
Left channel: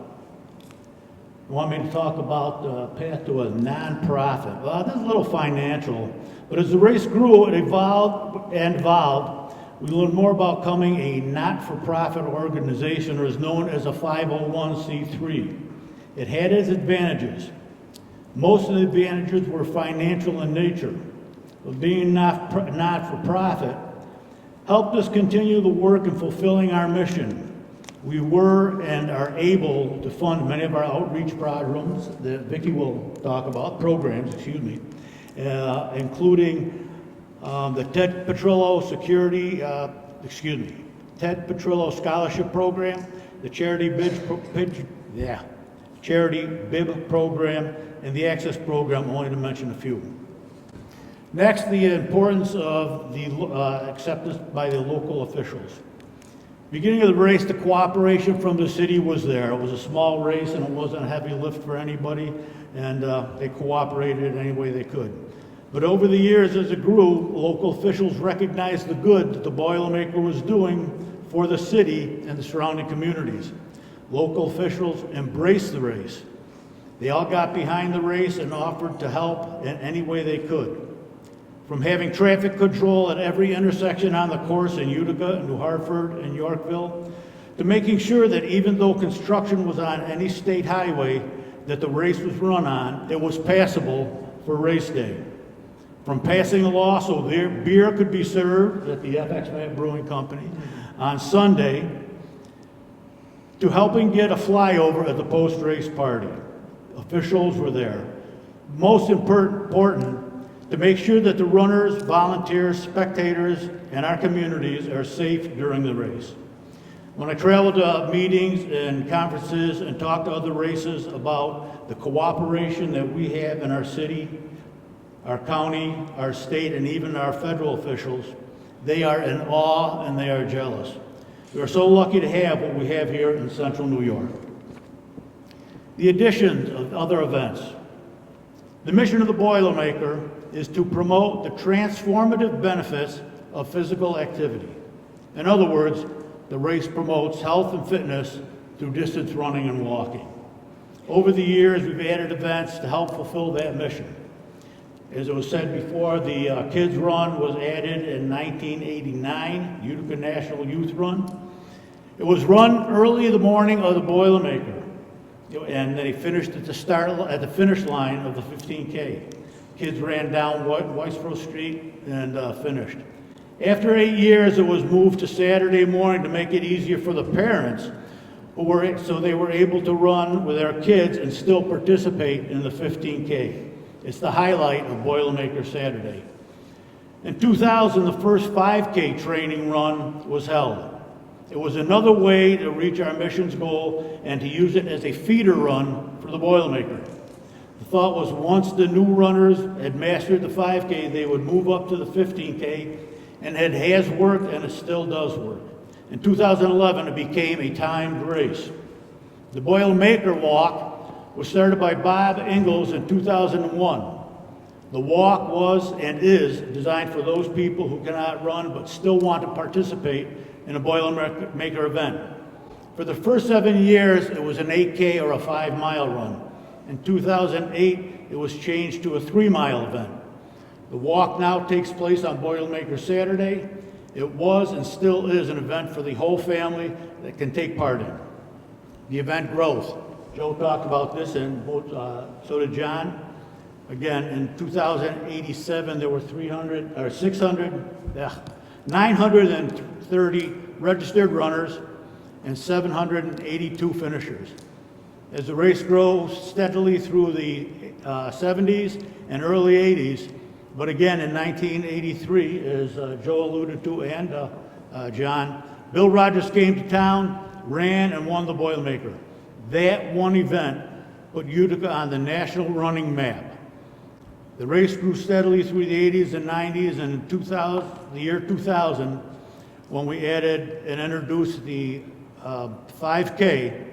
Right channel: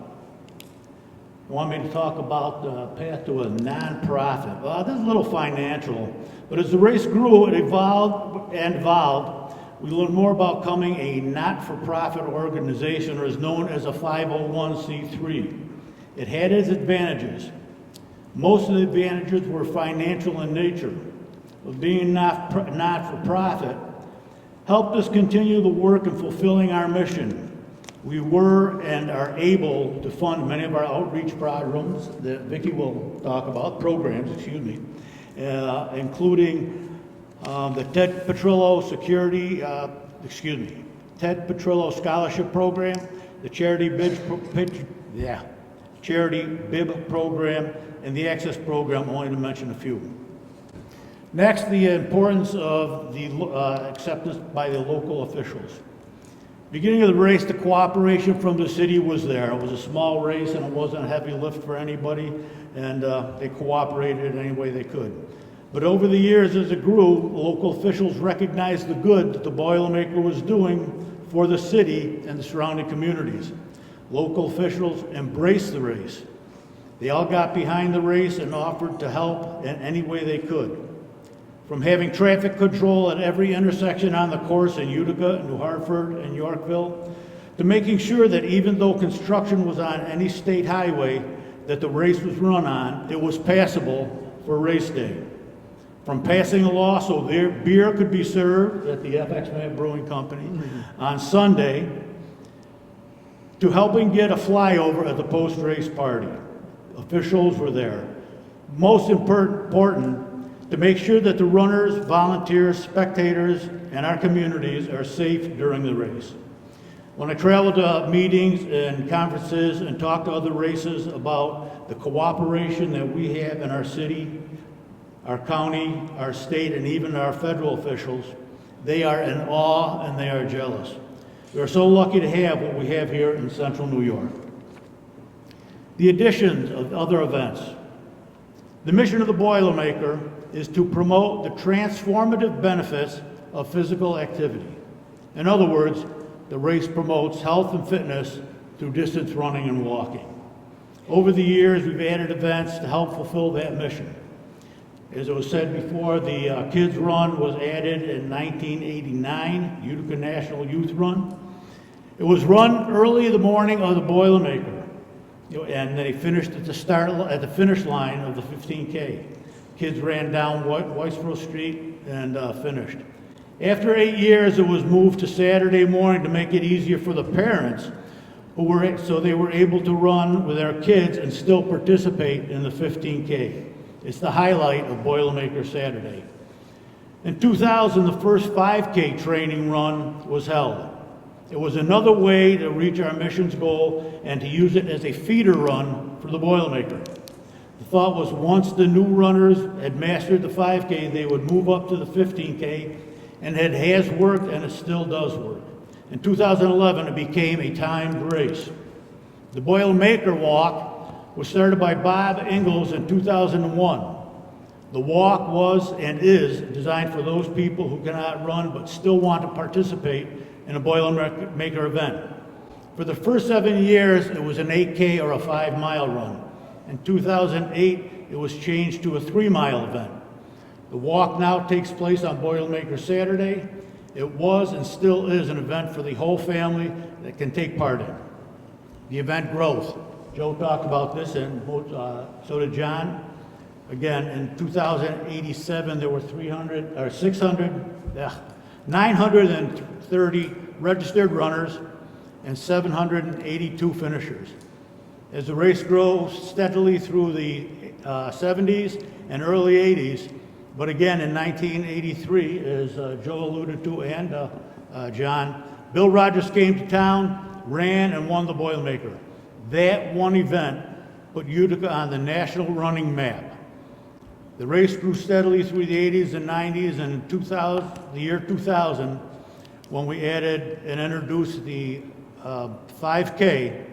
You want me to talk about the path to a nonprofit? Well, this is a little financial, but as the race grew, it evolved. We learned more about becoming a not-for-profit organization, or is known as a 501c3. It had its advantages. Most of the advantages were financial in nature. But being not-for-profit helped us continue the work in fulfilling our mission. We were and are able to fund many of our outreach programs that Vicki will talk about, including the Ted Petrillo Scholarship Program, the Charity BIB Program, and the Access Program, only to mention a few. Next, the importance of the acceptance by the local officials. Beginning of the race, the cooperation from the city was there. It was a small race and it wasn't a heavy lift for anybody, and they cooperated any way they could. But over the years, as it grew, local officials recognized the good that the Boilermaker was doing for the city and the surrounding communities. Local officials embraced the race. They all got behind the race and offered to help in any way they could. From having traffic control at every intersection on the course in Utica, New Hartford, and Yorkville, to making sure that even though construction was on any state highway that the race was run on, it was passable for race day. From passing a law so beer could be served at the FX Brewing Company on Sunday, to helping get a flyover at the post-race party. Officials were there. Most important, to make sure that the runners, volunteers, spectators, and our communities are safe during the race. When I traveled to meetings and conferences and talked to other races about the cooperation that we have in our city, our county, our state, and even our federal officials, they are in awe and they are jealous. We are so lucky to have what we have here in central New York. The addition of other events. The mission of the Boilermaker is to promote the transformative benefits of physical activity. In other words, the race promotes health and fitness through distance running and walking. Over the years, we've added events to help fulfill that mission. As it was said before, the Kids Run was added in 1989, Utica National Youth Run. It was run early in the morning of the Boilermaker, and they finished at the finish line of the 15K. Kids ran down Whitesboro Street and finished. After 8 years, it was moved to Saturday morning to make it easier for the parents, so they were able to run with their kids and still participate in the 15K. It's the highlight of Boilermaker Saturday. In 2000, the first 5K training run was held. It was another way to reach our mission's goal and to use it as a feeder run for the Boilermaker. The thought was once the new runners had mastered the 5K, they would move up to the 15K, and it has worked and it still does work. In 2011, it became a timed race. The Boilermaker Walk was started by Bob Ingalls in 2001. The walk was and is designed for those people who cannot run but still want to participate in a Boilermaker event. For the first 7 years, it was an 8K or a 5-mile run. In 2008, it was changed to a 3-mile event. The walk now takes place on Boilermaker Saturday. It was and still is an event for the whole family that can take part in. The event growth. Joe talked about this, and so did John. Again, in 2087, there were 930 registered runners and 782 finishers. As the race grows steadily through the 70s and early 80s, but again in 1983, as Joe alluded to and John, Bill Rogers came to town, ran, and won the Boilermaker. That one event put Utica on the national running map. The race grew steadily through the 80s and 90s, and in the year 2000, when we added and introduced the 5K,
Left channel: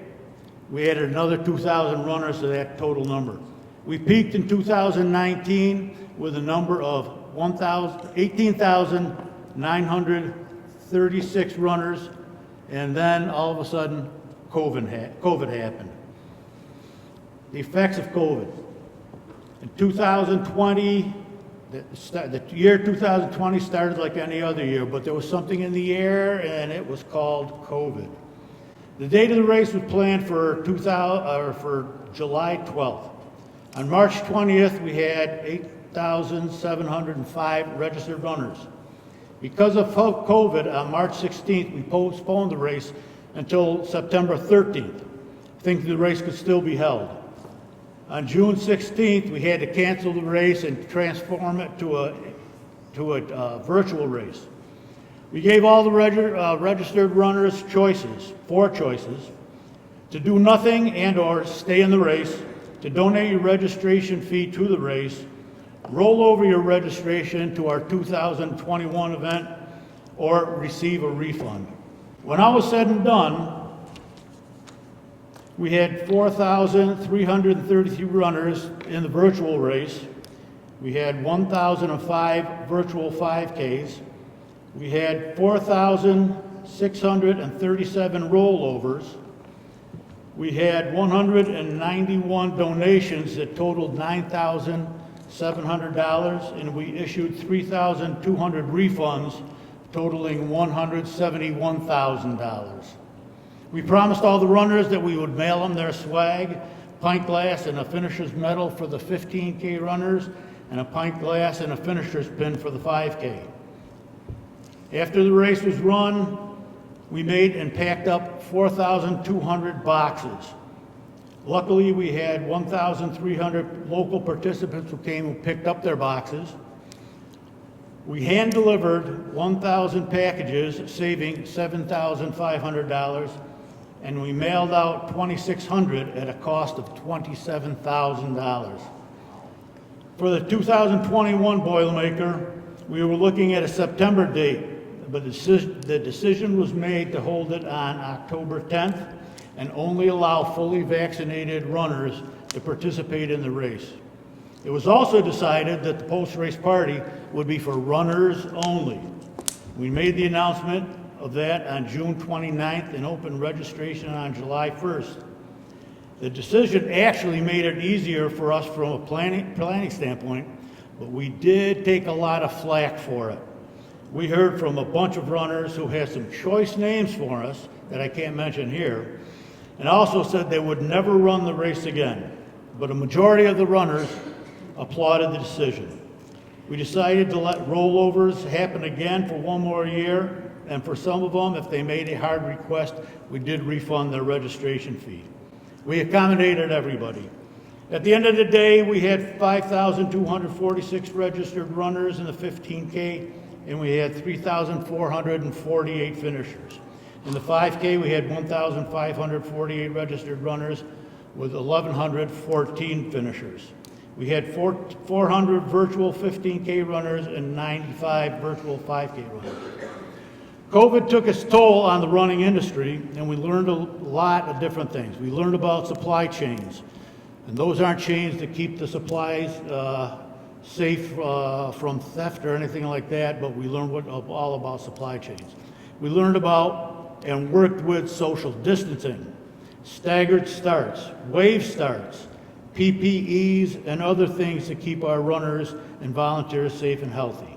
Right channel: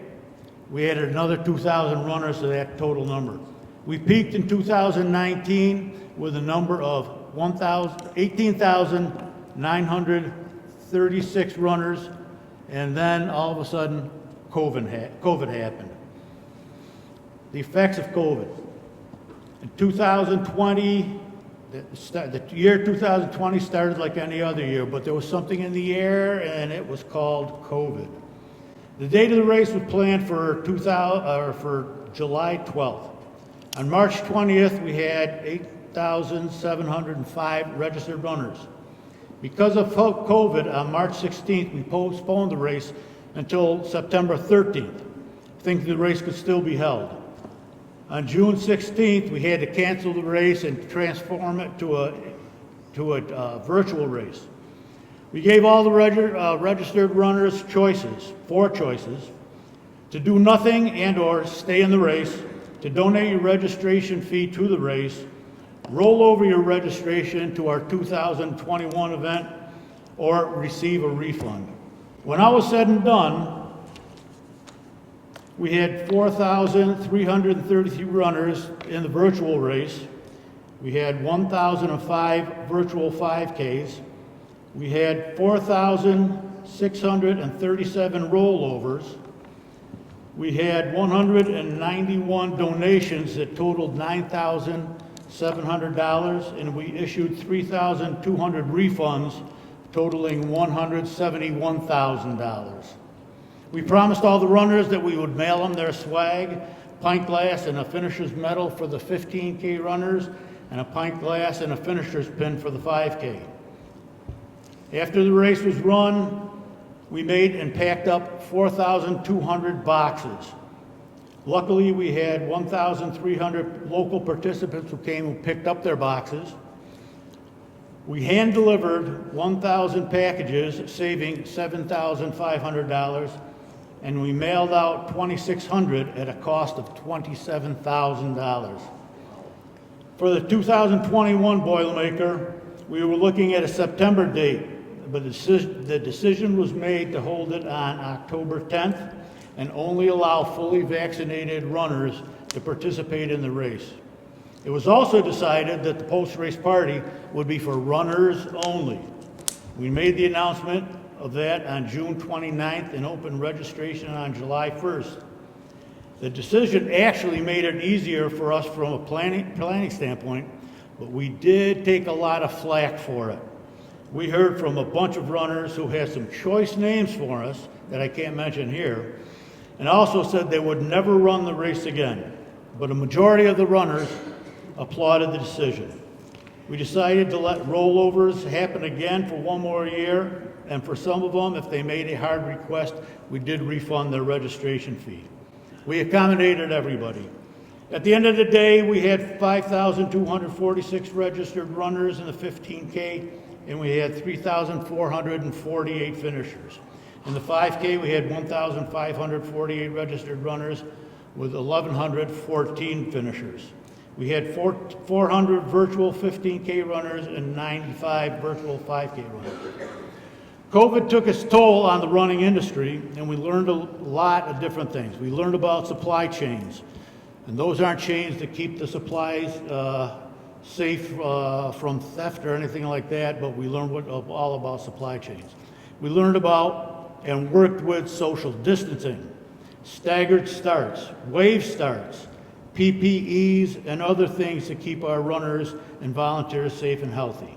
we added another 2,000 runners to that total number. We peaked in 2019 with a number of 18,936 runners, and then all of a sudden, COVID happened. The effects of COVID. In 2020, the year 2020 started like any other year, but there was something in the air, and it was called COVID. The date of the race was planned for July 12th. On March 20th, we had 8,705 registered runners. Because of COVID, on March 16th, we postponed the race until September 13th, thinking the race could still be held. On June 16th, we had to cancel the race and transform it to a virtual race. We gave all the registered runners four choices: to do nothing and or stay in the race, to donate your registration fee to the race, roll over your registration to our 2021 event, or receive a refund. When all was said and done, we had 4,333 runners in the virtual race. We had 1,005 virtual 5Ks. We had 4,637 rollovers. We had 191 donations that totaled $9,700, and we issued 3,200 refunds totaling $171,000. We promised all the runners that we would mail them their swag, pint glass and a finisher's medal for the 15K runners, and a pint glass and a finisher's pin for the 5K. After the race was run, we made and packed up 4,200 boxes. Luckily, we had 1,300 local participants who came and picked up their boxes. We hand-delivered 1,000 packages, saving $7,500, and we mailed out 2,600 at a cost of $27,000. For the 2021 Boilermaker, we were looking at a September date, but the decision was made to hold it on October 10th and only allow fully vaccinated runners to participate in the race. It was also decided that the post-race party would be for runners only. We made the announcement of that on June 29th and opened registration on July 1st. The decision actually made it easier for us from a planning standpoint, but we did take a lot of flack for it. We heard from a bunch of runners who had some choice names for us that I can't mention here, and also said they would never run the race again. But a majority of the runners applauded the decision. We decided to let rollovers happen again for one more year, and for some of them, if they made a hard request, we did refund their registration fee. We accommodated everybody. At the end of the day, we had 5,246 registered runners in the 15K, and we had 3,448 finishers. In the 5K, we had 1,548 registered runners with 1,114 finishers. We had 400 virtual 15K runners and 95 virtual 5K runners. COVID took its toll on the running industry, and we learned a lot of different things. We learned about supply chains, and those aren't chains that keep the supplies safe from theft or anything like that, but we learned all about supply chains. We learned about and worked with social distancing, staggered starts, wave starts, PPEs, and other things to keep our runners and volunteers safe and healthy.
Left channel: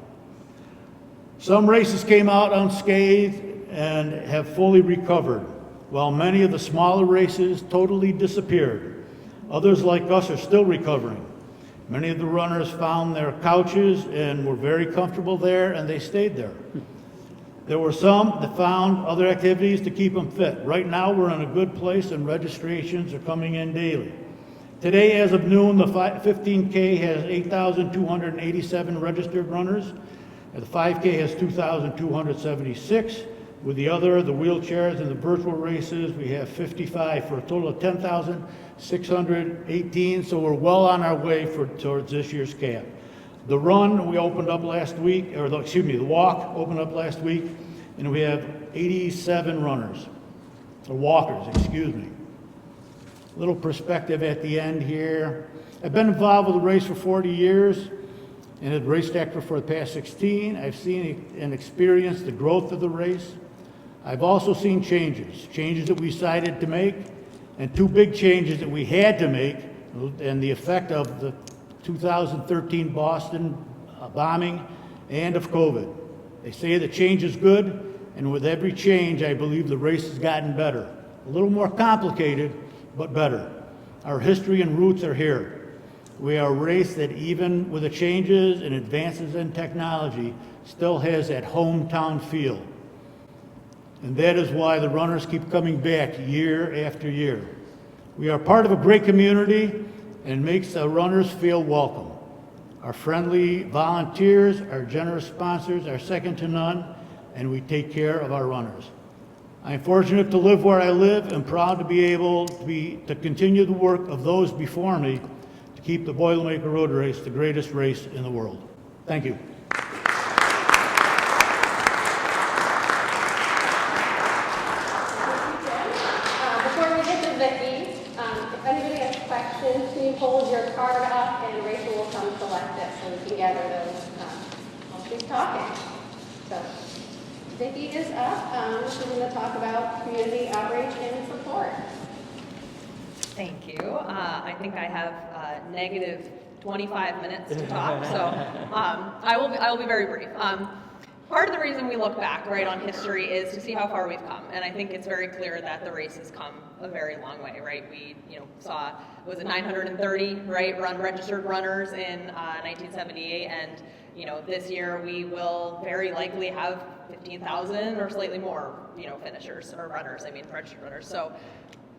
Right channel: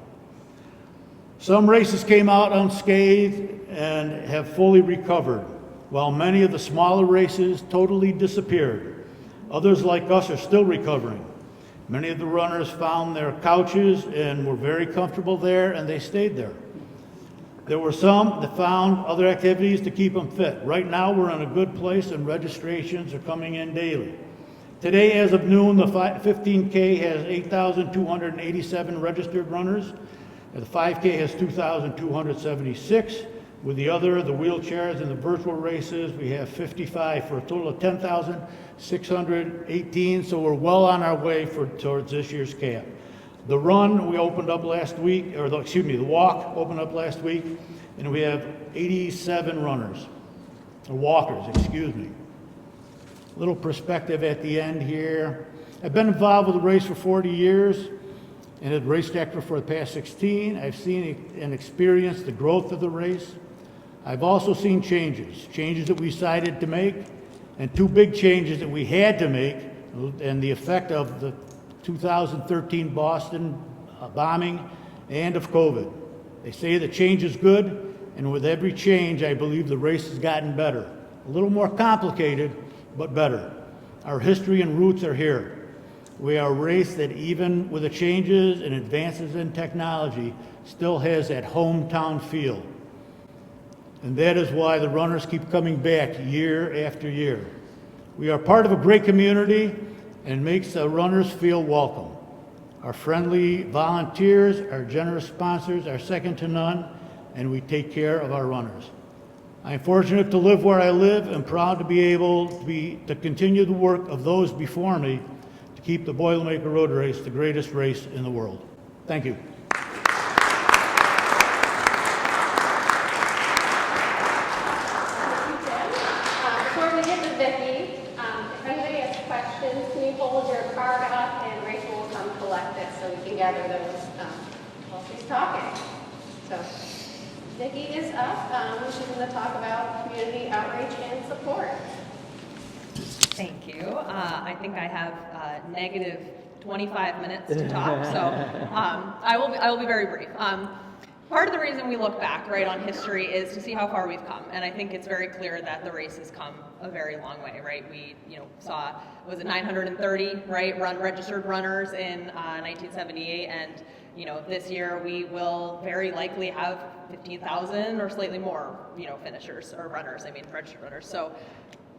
Some races came out unscathed and have fully recovered, while many of the smaller races totally disappeared. Others like us are still recovering. Many of the runners found their couches and were very comfortable there, and they stayed there. There were some that found other activities to keep them fit. Right now, we're in a good place, and registrations are coming in daily. Today, as of noon, the 15K has 8,287 registered runners. The 5K has 2,276. With the wheelchairs and the virtual races, we have 55 for a total of 10,618. So we're well on our way towards this year's cap. The run we opened up last week, the walk opened up last week, and we have 87 runners, or walkers, excuse me. A little perspective at the end here. I've been involved with the race for 40 years and have raced actor for the past 16. I've seen and experienced the growth of the race. I've also seen changes that we decided to make, and two big changes that we had to make, and the effect of the 2013 Boston bombing and of COVID. They say that change is good, and with every change, I believe the race has gotten better. A little more complicated, but better. Our history and roots are here. We are a race that, even with the changes and advances in technology, still has that hometown feel. And that is why the runners keep coming back year after year. We are part of a great community and makes the runners feel welcome. Our friendly volunteers, our generous sponsors are second to none, and we take care of our runners. I am fortunate to live where I live and proud to be able to continue the work of those before me to keep the Boilermaker Road Race the greatest race in the world. Thank you. Before we get to Vicki, if anybody has questions, can you hold your card up and Rachel will come collect it so we can gather those while she's talking. So, Vicki is up. She's going to talk about community outreach and support. Thank you. I think I have negative 25 minutes to talk, so I will be very brief. Part of the reason we look back, right, on history is to see how far we've come, and I think it's very clear that the race has come a very long way, right? We, saw, was it 930, right, registered runners in 1978, and this year we will very likely have 15,000 or slightly more, finishers or runners. Registered runners. So,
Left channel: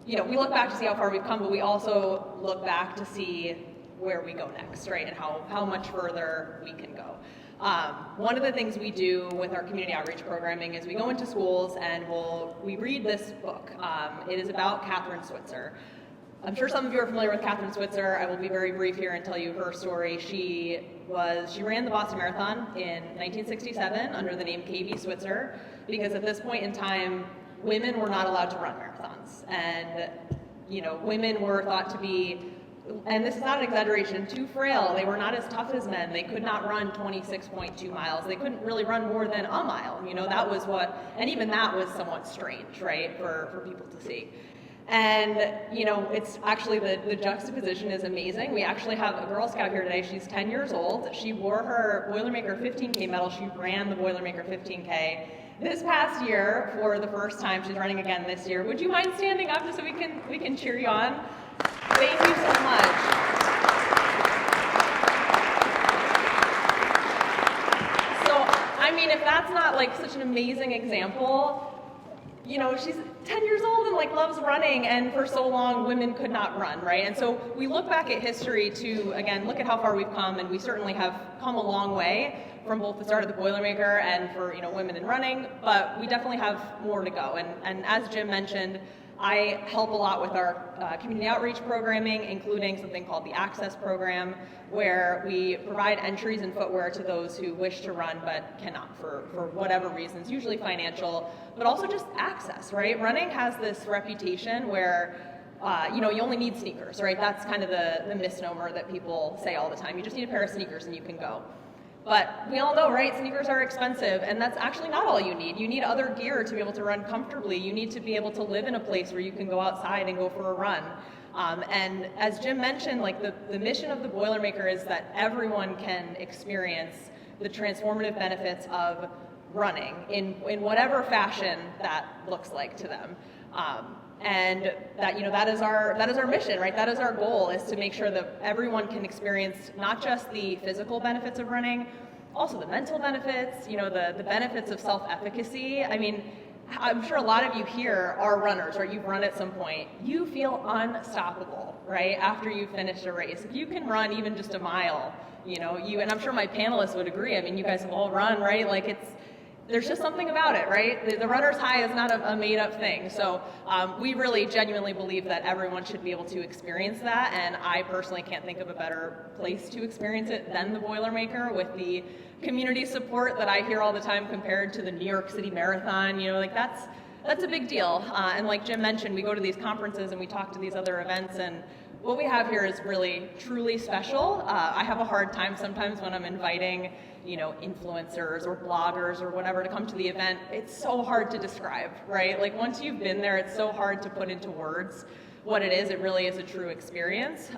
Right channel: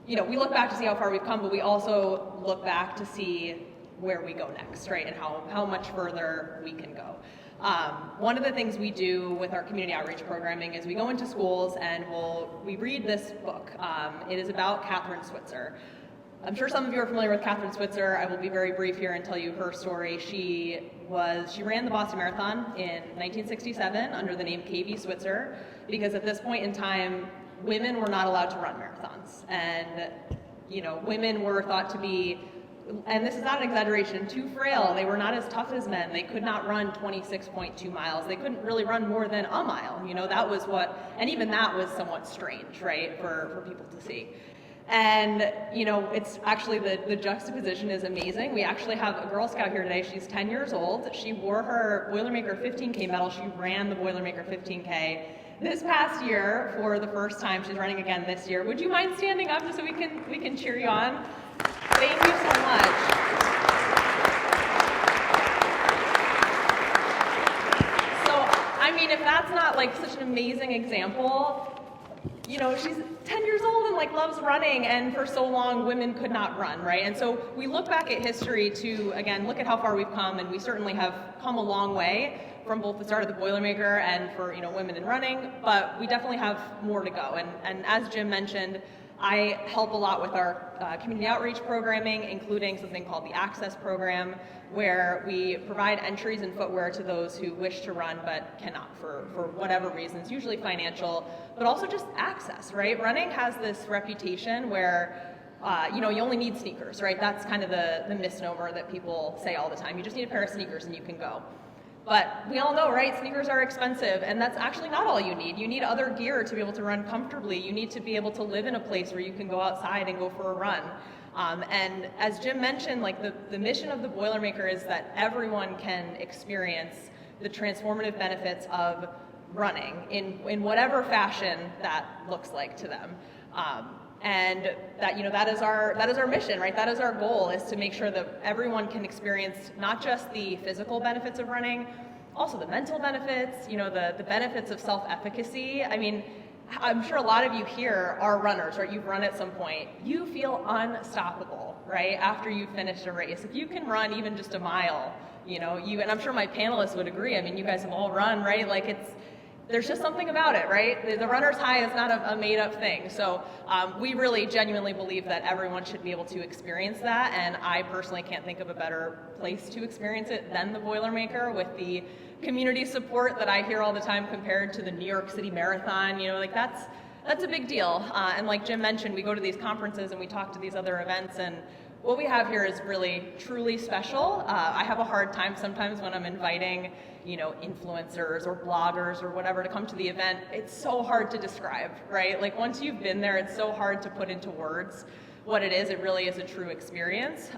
we look back to see how far we've come, but we also look back to see where we go next, right, and how much further we can go. One of the things we do with our community outreach programming is we go into schools and we read this book. It is about Catherine Switzer. I'm sure some of you are familiar with Catherine Switzer. I will be very brief here and tell you her story. She ran the Boston Marathon in 1967 under the name KV Switzer, because at this point in time, women were not allowed to run marathons. And, women were thought to be, and this is not an exaggeration, too frail. They were not as tough as men. They could not run 26.2 miles. They couldn't really run more than a mile. That was and even that was somewhat strange, right, for people to see. And, you know, it's actually the juxtaposition is amazing. We actually have a Girl Scout here today. She's 10 years old. She wore her Boilermaker 15K medal. She ran the Boilermaker 15K this past year for the first time. She's running again this year. Would you mind standing up just so we can cheer you on? Thank you so much. So, I mean, if that's not like such an amazing example, you know, she's 10 years old and like loves running, and for so long women could not run, right? And so we look back at history to, again, look at how far we've come, and we certainly have come a long way from both the start of the Boilermaker and for, you know, women in running, but we definitely have more to go. And as Jim mentioned, I help a lot with our community outreach programming, including something called the Access Program, where we provide entries and footwear to those who wish to run but cannot for whatever reasons, usually financial, but also just access, right? Running has this reputation where, you know, you only need sneakers, right? That's kind of the misnomer that people say all the time. You just need a pair of sneakers and you can go. But we all know, right, sneakers are expensive, and that's actually not all you need. You need other gear to be able to run comfortably. You need to be able to live in a place where you can go outside and go for a run. And as Jim mentioned, like the mission of the Boilermaker is that everyone can experience the transformative benefits of running in whatever fashion that looks like to them. And that, you know, that is our mission, right? That is our goal, is to make sure that everyone can experience not just the physical benefits of running, also the mental benefits, you know, the benefits of self-efficacy. I mean, I'm sure a lot of you here are runners, right? You've run at some point. You feel unstoppable, right? After you've finished a race. If you can run even just a mile, you know, and I'm sure my panelists would agree. I mean, you guys have all run, right? Like there's just something about it, right? The runner's high is not a made-up thing. So we really genuinely believe that everyone should be able to experience that, and I personally can't think of a better place to experience it than the Boilermaker, with the community support that I hear all the time compared to the New York City Marathon. You know, like that's a big deal. And like Jim mentioned, we go to these conferences and we talk to these other events, and what we have here is really, truly special. I have a hard time sometimes when I'm inviting, you know, influencers or bloggers or whatever to come to the event. It's so hard to describe, right? Like once you've been there, it's so hard to put into words what it is. It really is a true experience.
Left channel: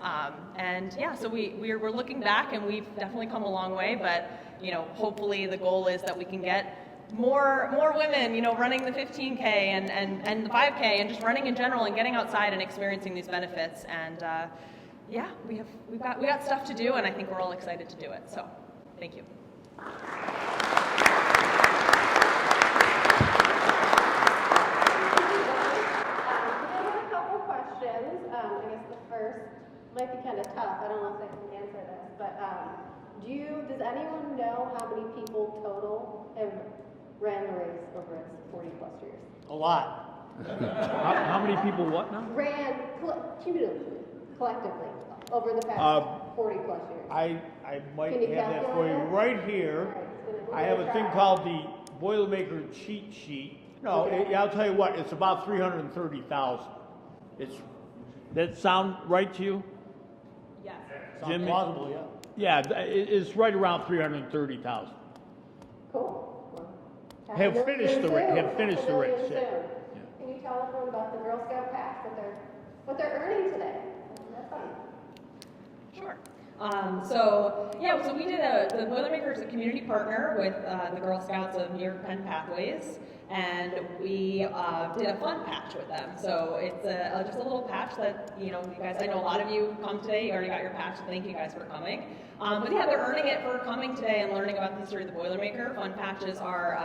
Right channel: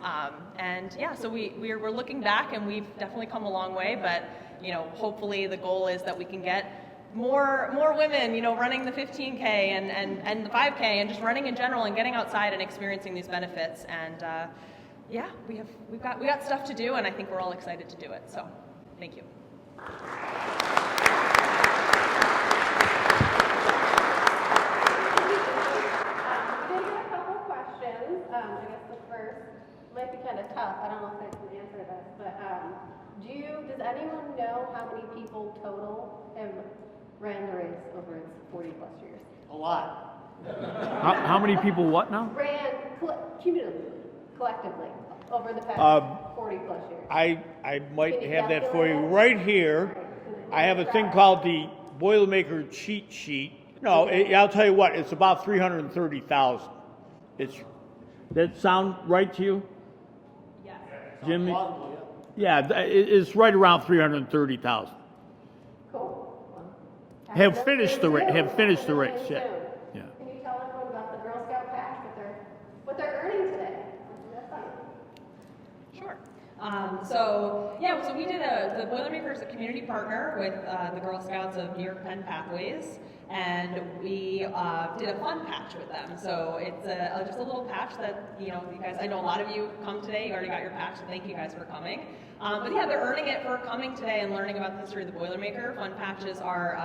And yeah, so we're looking back, and we've definitely come a long way, but, you know, hopefully the goal is that we can get more women, you know, running the 15K and the 5K and just running in general and getting outside and experiencing these benefits. And yeah, we've got stuff to do, and I think we're all excited to do it. So thank you. We did have a couple questions. I guess the first might be kind of tough. I don't know if I can answer this, but does anyone know how many people total have ran the race over its 40 plus years? A lot. How many people what now? Ran cumulatively, collectively, over the past 40 plus years. I might have that for you right here. I have a thing called the Boilermaker cheat sheet. No, I'll tell you what, it's about 330,000. That sound right to you? Yes. Jimmy? Plausible, Yeah, it's right around 330,000. Cool. Have finished the race. Have finished the race. Yeah. Can you tell everyone about the Girl Scout pack, what they're earning today? That's fun. Sure. So we did the Boilermaker is a community partner with the Girl Scouts of New York Penn Pathways, and we did a fun patch with them. So it's just a little patch that, you know, you guys, I know a lot of you come today, you already got your patch, so thank you guys for coming. But yeah, they're earning it for coming today and learning about the history of the Boilermaker. Fun patches are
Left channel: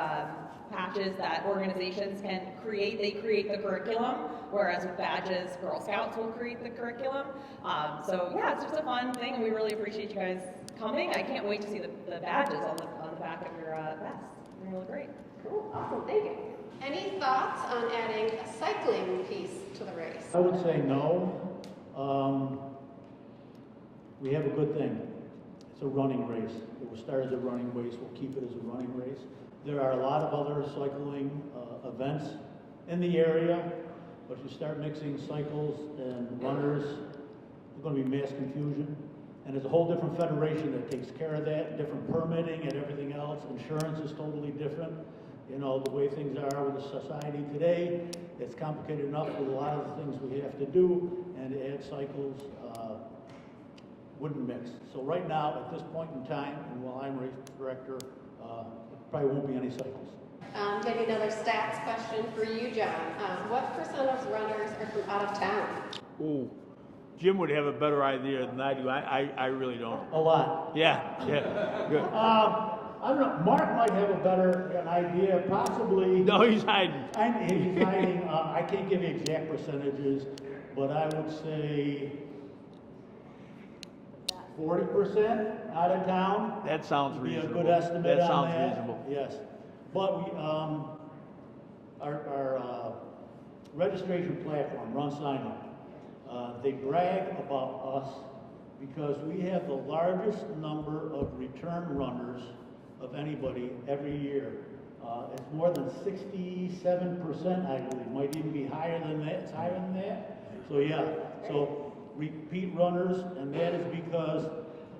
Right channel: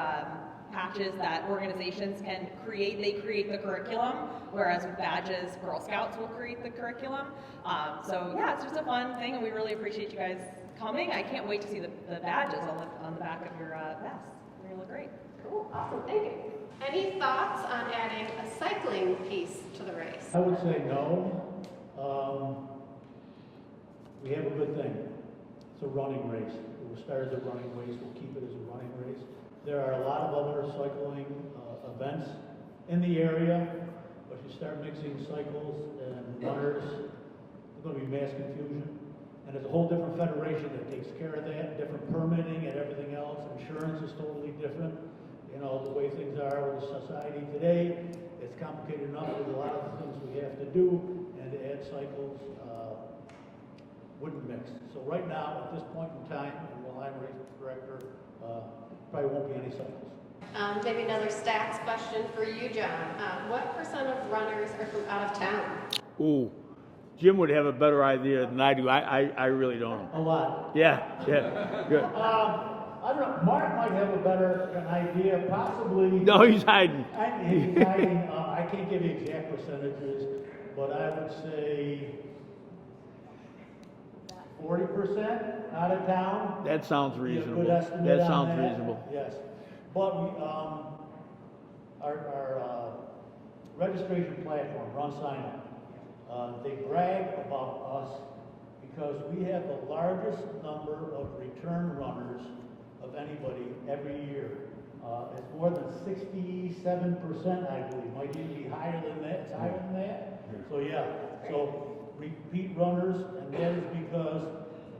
patches that organizations can create. They create the curriculum, whereas with badges, Girl Scouts will create the curriculum. So yeah, it's just a fun thing, and we really appreciate you guys coming. I can't wait to see the badges on the back of your vests. They look great. Cool, awesome, thank you. Any thoughts on adding a cycling piece to the race? I would say no. We have a good thing. It's a running race. It was started as a running race. We'll keep it as a running race. There are a lot of other cycling events in the area, but if you start mixing cycles and runners, there's going to be mass confusion. And there's a whole different federation that takes care of that, different permitting and everything else. Insurance is totally different. You know, the way things are with the society today, it's complicated enough with a lot of the things we have to do, and to add cycles wouldn't mix. So right now, at this point in time, and while I'm race director, probably won't be any cycles. Maybe another stats question for you, John. What percent of runners are from out of town? Ooh, Jim would have a better idea than I do. I really don't know. A lot. Yeah, good. I don't know, Mark might have a better idea, possibly. No, he's hiding. And he's hiding, I can't give you exact percentages, but I would say 40% out of town. That sounds Be a reasonable. good estimate That on sounds that. reasonable. Yes, but we, our registration platform, Run Sign Up, they brag about us because we have the largest number of return runners of anybody every year. It's more than 67%, I believe. Might even be higher than that. It's higher than that. So yeah, so repeat runners, and that is because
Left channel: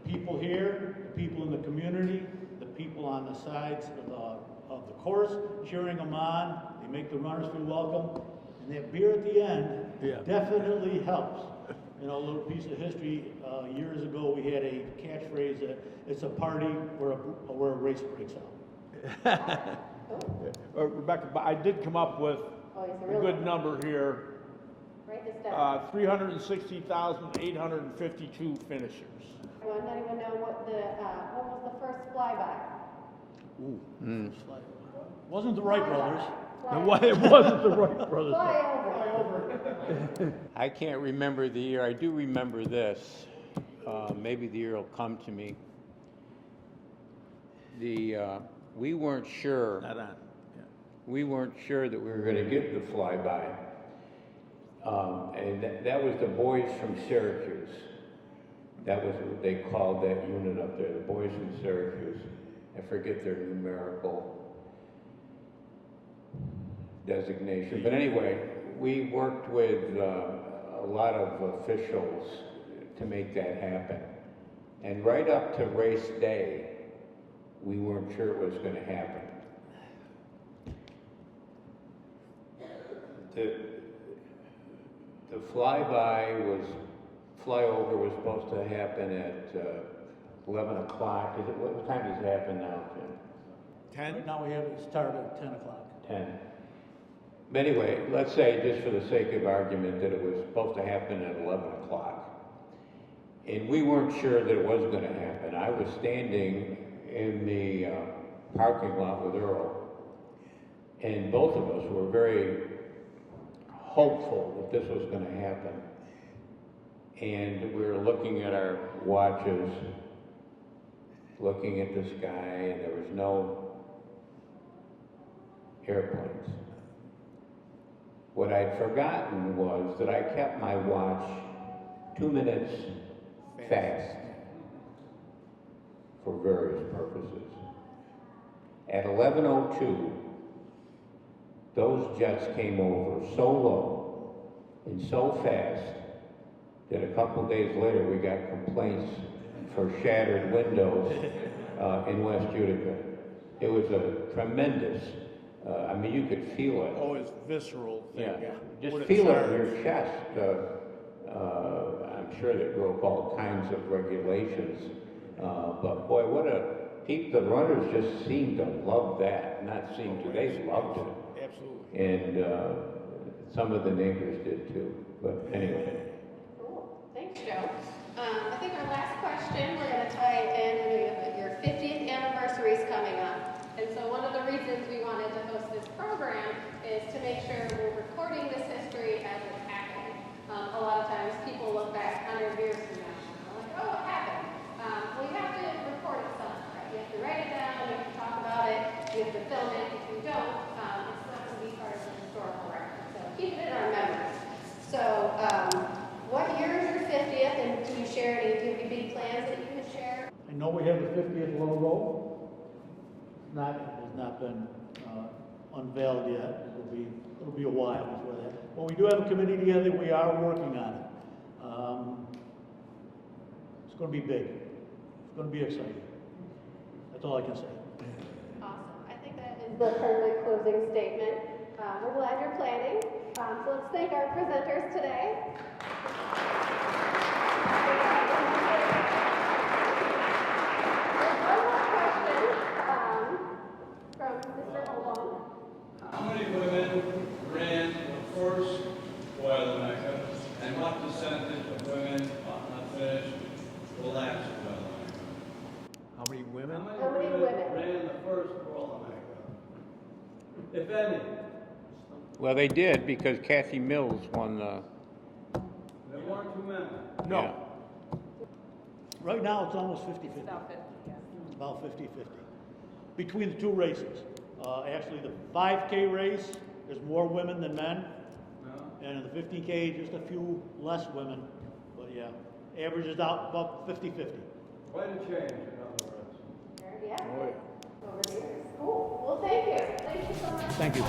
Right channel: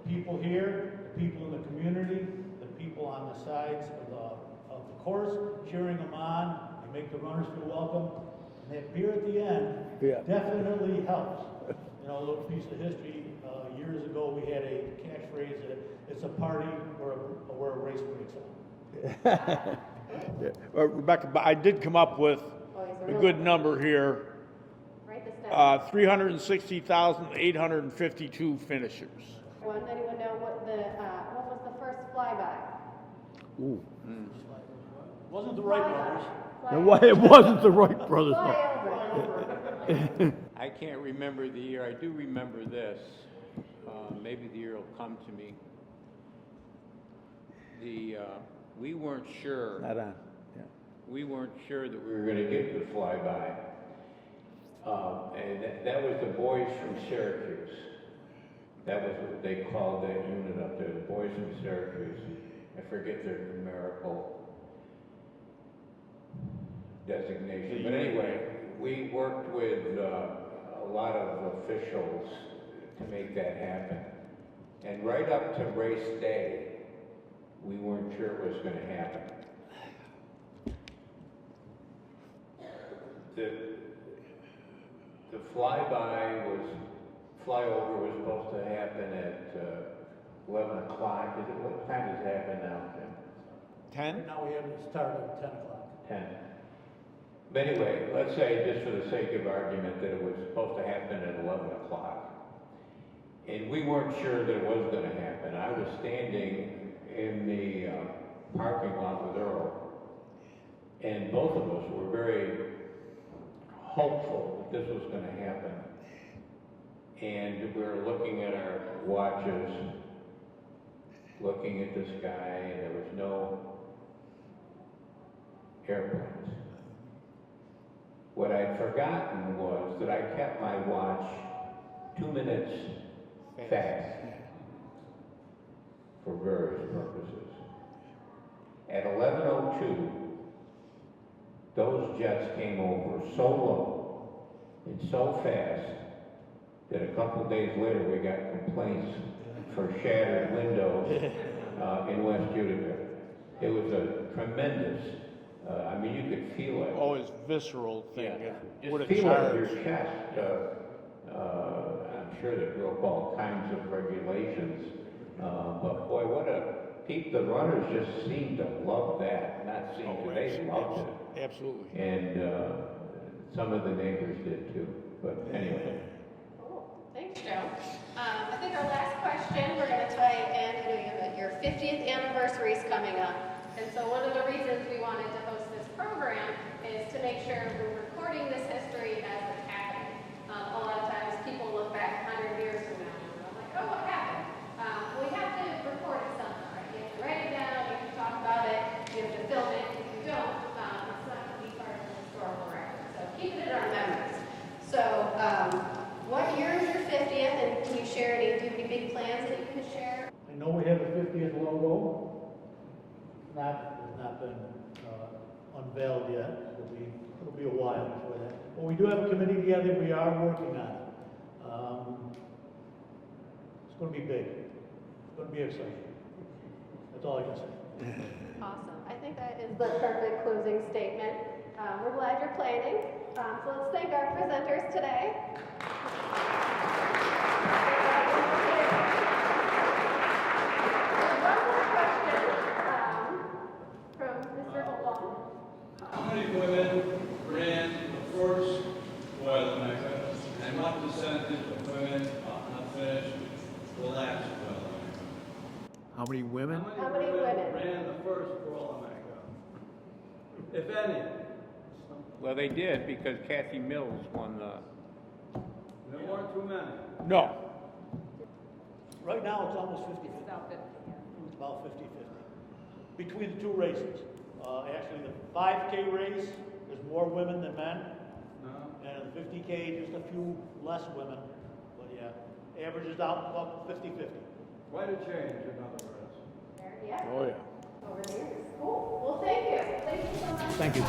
people here, the people in the community, the people on the sides of the course, cheering them on. They make the runners feel welcome, and that beer at the end definitely helps. You know, a little piece of history. Years ago, we had a catchphrase that it's a party where a race breaks out. Rebecca, but I did come up with a good number here. Write this down. 360,852 finishers. Anyone know what was the first flyby? Wasn't the Wright brothers? It wasn't the Wright brothers. Flyover. I can't remember the year. I do remember this. Maybe the year will come to me. We weren't sure. Not on. We weren't sure that we were going to get the flyby. And that was the boys from Syracuse. That was what they called that unit up there, the boys from Syracuse. I forget their numerical designation. But anyway, we worked with a lot of officials to make that happen. And right up to race day, we weren't sure it was going to happen. The flyover was supposed to happen at 11 o'clock. What time does it happen now, Jim? 10? Now we have it started at 10 o'clock. 10. But anyway, let's say, just for the sake of argument, that it was supposed to happen at 11 o'clock. And we weren't sure that it was going to happen. I was standing in the parking lot with Earl, and both of us were very hopeful that this was going to happen. And we were looking at our watches, looking at the sky, and there was no airplanes. What I'd forgotten was that I kept my watch 2 minutes fast for various purposes. At 11:02, those jets came over so low and so fast that a couple of days later we got complaints for shattered windows in West Utica. It was a tremendous, I mean, you could feel it. Oh, it's visceral thing. Yeah, just What it feel it in charged. your chest. I'm sure they broke all kinds of regulations, but boy, the runners just seemed to love that. Not seemed to, they loved it. Absolutely. And some of the neighbors did too. But anyway. Cool. Thanks, Joe. I think our last question, we're going to tie it in. Your 50th anniversary is coming up. And so one of the reasons we wanted to host this program is to make sure we're recording this history as it happened. A lot of times people look back 100 years from now and they're like, oh, what happened? Well, you have to record something, right? You have to write it down, you have to talk about it, you have to film it. If you don't, it's not going to be part of the historical record. So keep it in our memories. So, what year is your 50th, and can you share any big plans that you could share? I know we have the 50th logo. Has not been unveiled yet. It'll be a while before that. But we do have a committee together. We are working on it. It's going to be big. It's going to be exciting. That's all I can say. Awesome. I think that is the perfect closing statement. We're glad you're planning. today. One more question from Mr. Holden. How many women ran the first Boilermaker, and what percentage of women not finished the last Boilermaker? How many women? How many women? Ran the first Boilermaker? If any. Well, they did because Kathy Mills won the. There weren't too many. No. Right now, it's almost 50-50. It's about 50-50. Between the two races. Actually, the 5K race, there's more women than men. No? And in the 15K, just a few less women. But yeah, averages out about 50-50. Quite a change, in other words. Yeah. Oh, yeah. Over there. Cool. Well, thank you. Thank you so much. Thank you.